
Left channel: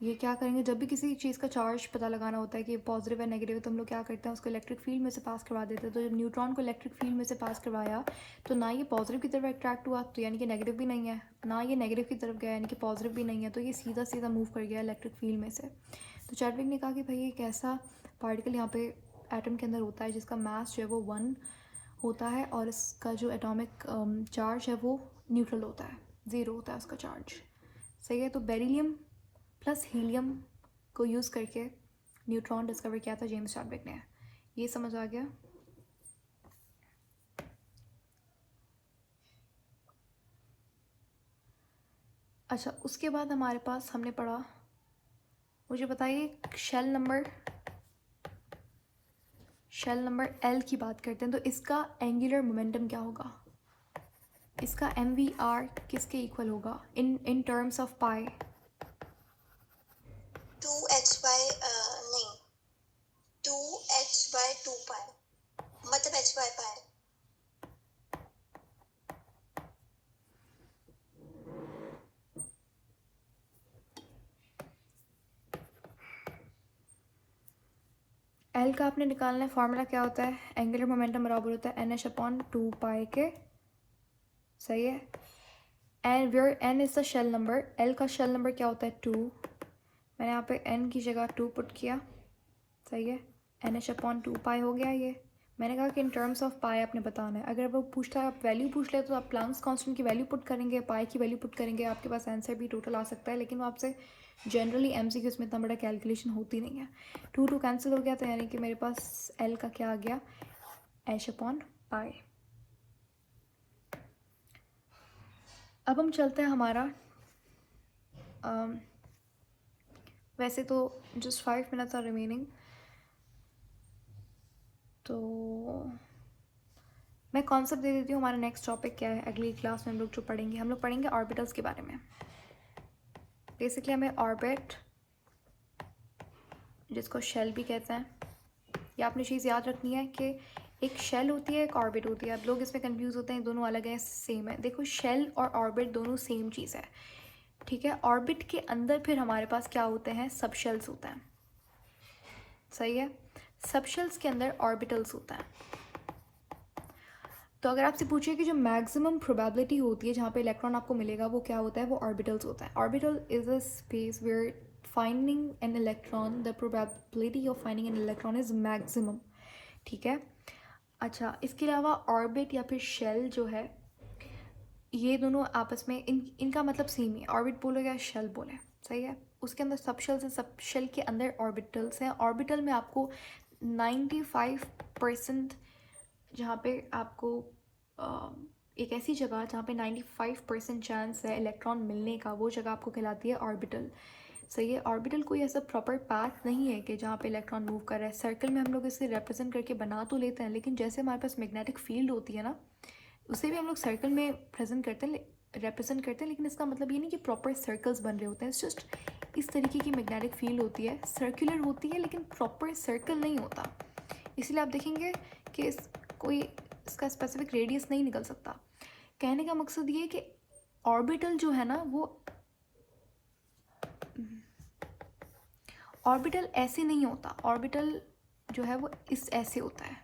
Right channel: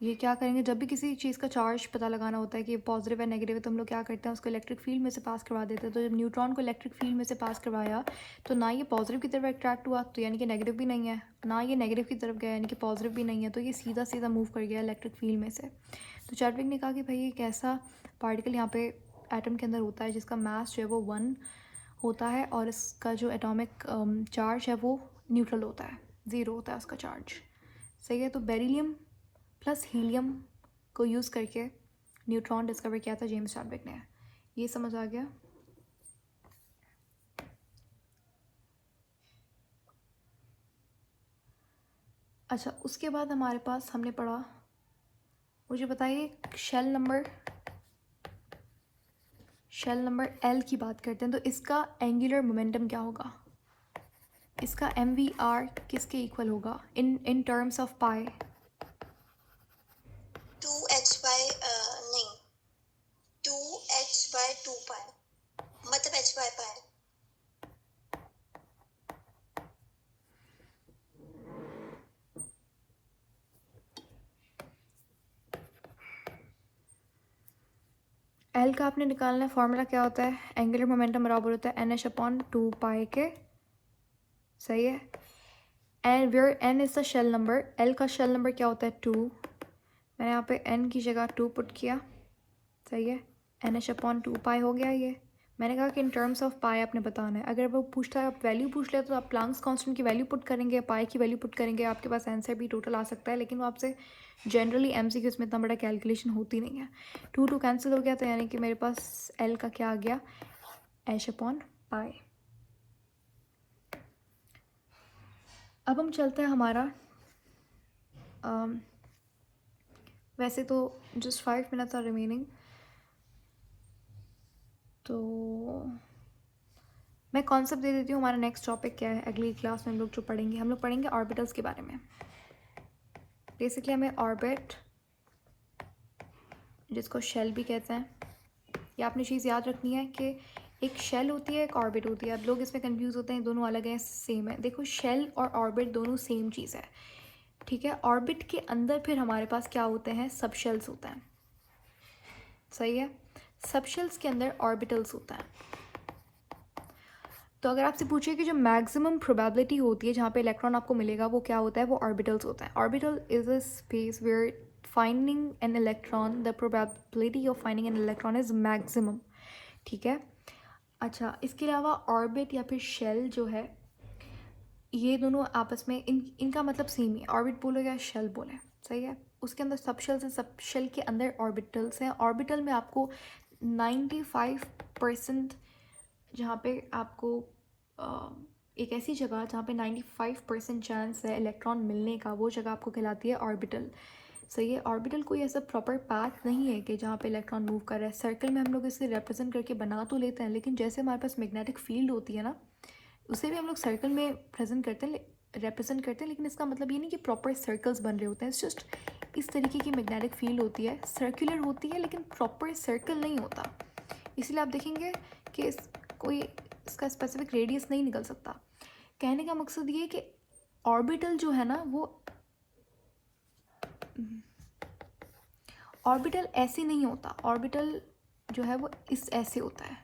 ये क्या करेंगे, जब भी किसी चीज़ का चार्ज पता लगाना होता है कि पॉजिटिव है नेगेटिव है, तो हम लोग क्या करते हैं, उसको इलेक्ट्रिक फील्ड में से पास करवा देते हैं। तो जब न्यूट्रॉन को इलेक्ट्रिक फील्ड में से पास करवाया तो ना ये पॉजिटिव की तरफ अट्रैक्ट हुआ, तो यानी कि नेगेटिव भी नहीं है, ना ये नेगेटिव की तरफ गया यानी कि पॉजिटिव भी नहीं है, तो ये सीधा सीधा मूव कर गया इलेक्ट्रिक फील्ड में से। तो चैडविक ने कहा कि भाई एक ऐसा पार्टिकल यहाँ पे एटम के अंदर होता है जिसका मास जो है वो 1 होता है और इसका जो एटॉमिक चार्ज है वो न्यूट्रल होता है, 0 होता है उसका चार्ज। सही है, तो बेरिलियम प्लस हीलियम को यूज़ करके न्यूट्रॉन डिस्कवर किया था जेम्स चैडविक ने। ये समझ आ गया? अच्छा, उसके बाद हमारे पास हमने पढ़ा, मुझे बताइए शेल नंबर L की बात करते हैं, तो इसका एंगुलर मोमेंटम क्या होगा? इसका MVR किसके इक्वल होगा in terms of pi? 2h/2 मतलब h/pi। L का आपने निकालना है, फॉर्मूला क्या होता है, एंगुलर मोमेंटम बराबर होता है NH/2 के। सही है, and where N is the shell number, L का शेल नंबर क्या होता है 2, मैंने यहाँ पे N की जगह 2 पुट किया। सही है, NH/2 हो गया। ये मैंने कहा कि इन टर्म्स ऑफ पाई आपने बताना है। अगर वो पूछता है, आप वैल्यू पूछ ले तो आप प्लांक्स कांस्टेंट की वैल्यू पुट करेंगे, पाई की वैल्यू पुट करेंगे, आपके पास आंसर भी टोटल आ सकता है। लेकिन वो आपसे जनरली MCQ में इतना बड़ा कैलकुलेशन होती नहीं है। 2 कैंसिल हो गया, तो यानी कि मेरे पास L का क्या आ गया, H/pi। अब हम चलते हैं हमारा वैसे तो जस्ट 5 मिनट्स आर रिमेनिंग, तो मैं कॉन्सेप्ट दे देती हूँ हमारा नेक्स्ट टॉपिक क्या है। अगली क्लास में हम लोग जो पढ़ेंगे, हम लोग पढ़ेंगे ऑर्बिटल्स के बारे में। बेसिकली हमें ऑर्बिट, जिसको शेल भी कहते हैं, ये आपने चीज़ याद रखनी है कि एक शेल होती है, एक ऑर्बिट होती है। अब लोग इसमें कंफ्यूज होते हैं, दोनों अलग हैं सेम है। देखो, शेल और ऑर्बिट दोनों सेम चीज़ है, ठीक है। ऑर्बिट के अंदर फिर हमारे पास क्या होते हैं, सब शेल्स होते हैं। सही है, सब शेल्स के अंदर ऑर्बिटल्स होता है। तो अगर आपसे पूछिए कि जो मैक्सिमम प्रोबेबिलिटी होती है जहाँ पे इलेक्ट्रॉन आपको मिलेगा वो क्या होता है, वो ऑर्बिटल्स होता है। Orbital is a space where finding an electron, the probability of finding an electron is maximum, ठीक है। अच्छा, इसके अलावा ऑर्बिट या फिर शेल जो है, ये दोनों आपस में इनका मतलब सेम ही है। ऑर्बिट बोले या शेल बोले, सही है। उसके अंदर सब शेल्स हैं, सब शेल के अंदर ऑर्बिटल्स हैं। ऑर्बिटल में आपको 95% जहाँ पे आपको एक ऐसी जगह जहाँ पे 95% चांस है इलेक्ट्रॉन मिलने का, वो जगह आपको कहलाती है ऑर्बिटल। सही है। ऑर्बिटल कोई ऐसा प्रॉपर पाथ नहीं है कि जहाँ पे इलेक्ट्रॉन मूव कर रहा है। सर्कल में हम लोग इसे रिप्रेजेंट करके बना तो लेते हैं, लेकिन जैसे हमारे पास मैग्नेटिक फील्ड होती है ना, उसे भी हम लोग सर्कल में रिप्रेजेंट करते हैं, लेकिन इसका मतलब ये नहीं कि प्रॉपर सर्कल्स बन रहे होते हैं। इट्स जस्ट इस तरीके की मैग्नेटिक फील्ड होती है, सर्कुलर होती है, लेकिन प्रॉपर सर्कल नहीं होता। इसलिए आप देखेंगे कि कोई इसका स्पेसिफिक रेडियस नहीं निकल सकता। कहने का मकसद ये है कि ऑर्बिटल जो है ना, वो ऑर्बिटल ऐसे नहीं होता। ऑर्बिटल जो है वो इस ऐसे होता है।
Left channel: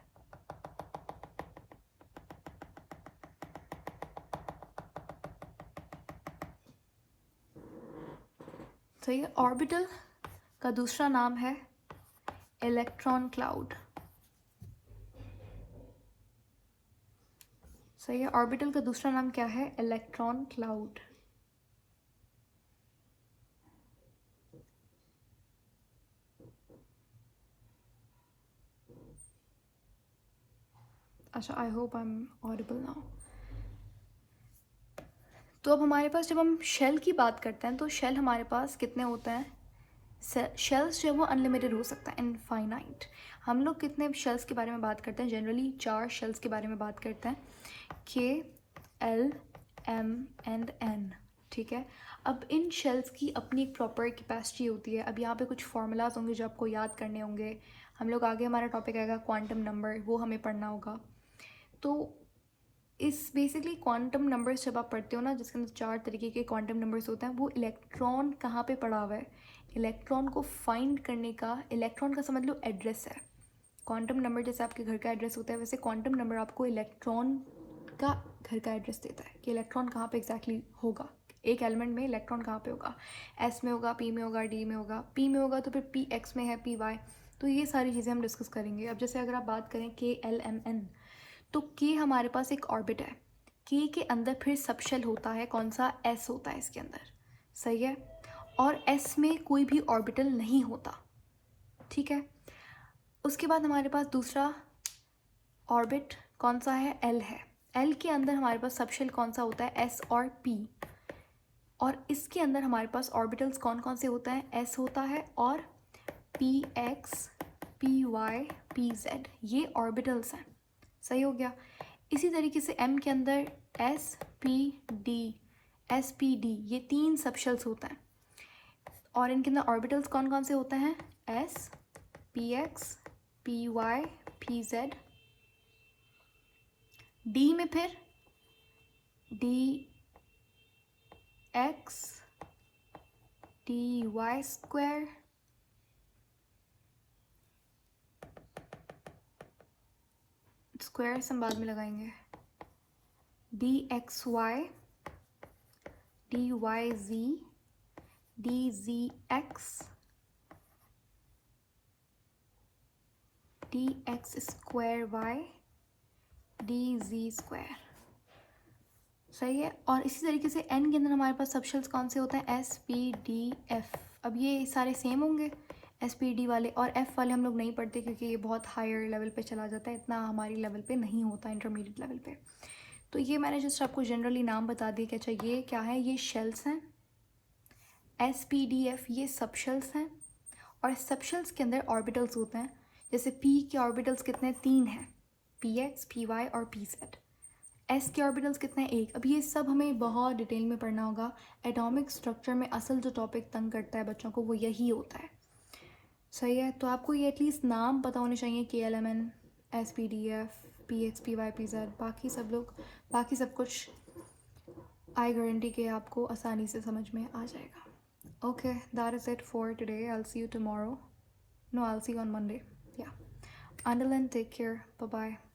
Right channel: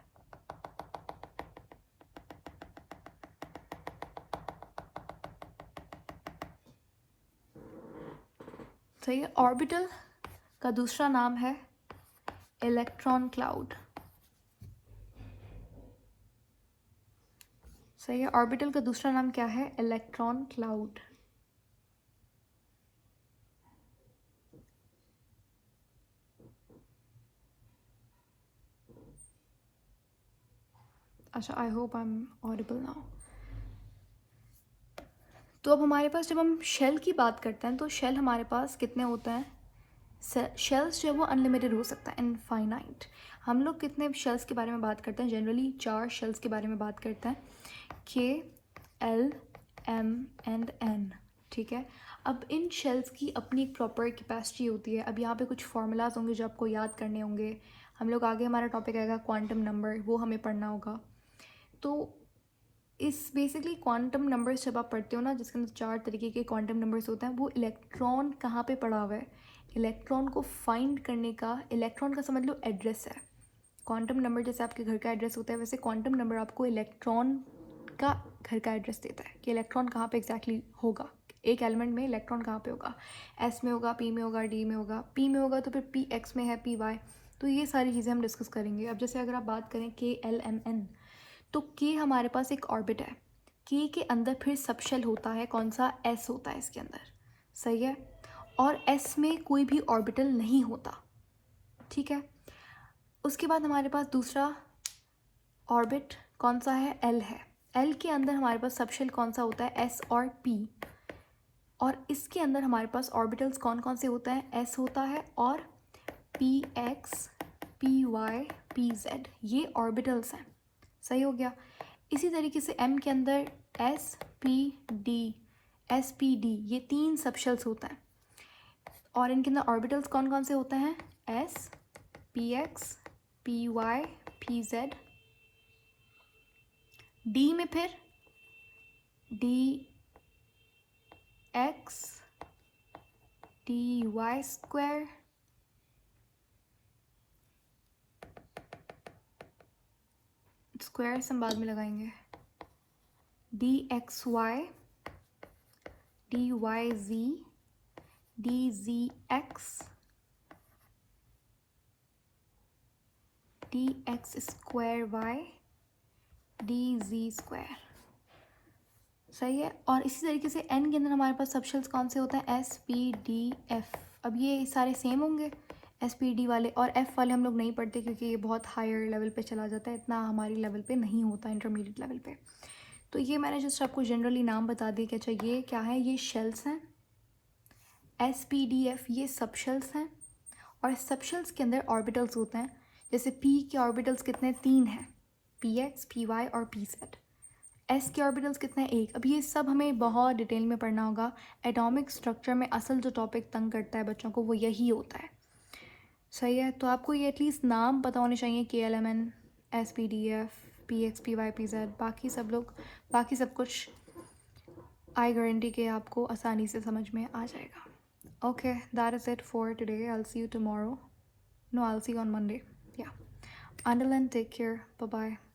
सही है। ऑर्बिटल का दूसरा नाम है इलेक्ट्रॉन क्लाउड। सही है। ऑर्बिटल का दूसरा नाम क्या है? Electron cloud. अच्छा, I hope I am audible now. तो अब हमारे पास जब हम शेल की बात करते हैं तो शेल हमारे पास कितने होते हैं? शेल्स जो है वो अनलिमिटेड हो सकता है, इनफाइनाइट। हम लोग कितने शेल्स के बारे में बात करते हैं? जनरली 4 शेल्स के बारे में बात करते हैं, K, L, M and N। ठीक है। अब इन शेल्स की अपनी एक प्रॉपर कैपेसिटी होती है। अब यहाँ पे कुछ फार्मूलाज होंगे जो आपको याद करने होंगे। हम लोग आगे हमारा टॉपिक आएगा क्वांटम नंबर, वो हमें पढ़ना होगा। तो इस बेसिकली क्वांटम नंबर्स जब आप पढ़ते हो ना, जिसके अंदर 4 तरीके के क्वांटम नंबर्स होते हैं, वो इलेक्ट्रॉन कहाँ पे पड़ा हुआ है, इलेक्ट्रॉन को फाइंड करने का, इलेक्ट्रॉन का समझ लो एड्रेस है। क्वांटम नंबर जैसे आपके घर का एड्रेस होता है, वैसे क्वांटम नंबर आपको इलेक्ट्रॉन का घर का एड्रेस देता है कि इलेक्ट्रॉन कहाँ पे एग्जैक्टली होगा, एक एलिमेंट में इलेक्ट्रॉन कहाँ पे होगा। एस में होगा, पी में होगा, डी में होगा। पी में होगा तो फिर पी एक्स में है, पी वाई। तो ये सारी चीज़ें हम डिस्कस करेंगे। अब जैसे अगर आप बात करें के एल एम एन, तो के हमारे पास एक ऑर्बिट है। के के अंदर फिर सबशेल होता है, कौन सा? एस होता है इसके अंदर। सही है। और एस में कोई भी ऑर्बिटल नहीं होता। ठीक है। उसके बाद हमारे पास दूसरा ऑर्बिट कौन सा है? एल है। एल के अंदर हमारे पास सबशेल कौन सा होता है? एस और पी। और इसके अंदर हमारे पास ऑर्बिटल्स कौन कौन से होते हैं? एस होता है और P x, P Y, P Z, ये ऑर्बिटल्स हैं। सही हो गया। इसी तरीके से एम के अंदर S P D, S P D, ये 3 सबशेल्स होते हैं। और इनके अंदर ऑर्बिटल्स कौन कौन से होते हैं? S, p x, P Y, P z. D में फिर d x, d y square, square हम बाद में लगाएंगे, d x y, d y z, d z x, d x square y, d z square. सही है। और इसी तरीके से एन के अंदर हमारे पास सबशेल्स कौन से होते हैं? S P D F. अब ये सारे सेम होंगे, एस पी डी वाले, और एफ वाले हम लोग नहीं पढ़ते क्योंकि ये बहुत हायर लेवल पे चला जाता है, इतना हमारी लेवल पे नहीं होता, इंटरमीडिएट लेवल पे। तो ये मैंने जस्ट आपको जनरली नाम बता दिया कि अच्छा ये क्या है, ये शेल्स हैं। एस पी डी एफ ये सबशेल्स हैं। और सबशेल्स के अंदर ऑर्बिटल्स होते हैं। जैसे पी के ऑर्बिटल्स कितने? 3 हैं, पी एक्स, पी वाई और पी जेड। एस के ऑर्बिटल्स कितने? 1। अब ये सब हमें बहुत डिटेल में पढ़ना होगा। एटॉमिक स्ट्रक्चर में असल जो टॉपिक तंग करता है बच्चों को वो यही होता है। सही है। तो आपको ये एटलीस्ट नाम पता होने चाहिए, K L M N, S P D F, P x, P Y, P Z. बाकी सब कुछ आई गारंटी के आपको आसानी से समझ में आ जाएगा। Okay, that is it for today. I will see you tomorrow. No, I will see you on Monday. Yeah, until then, take care. Bye bye.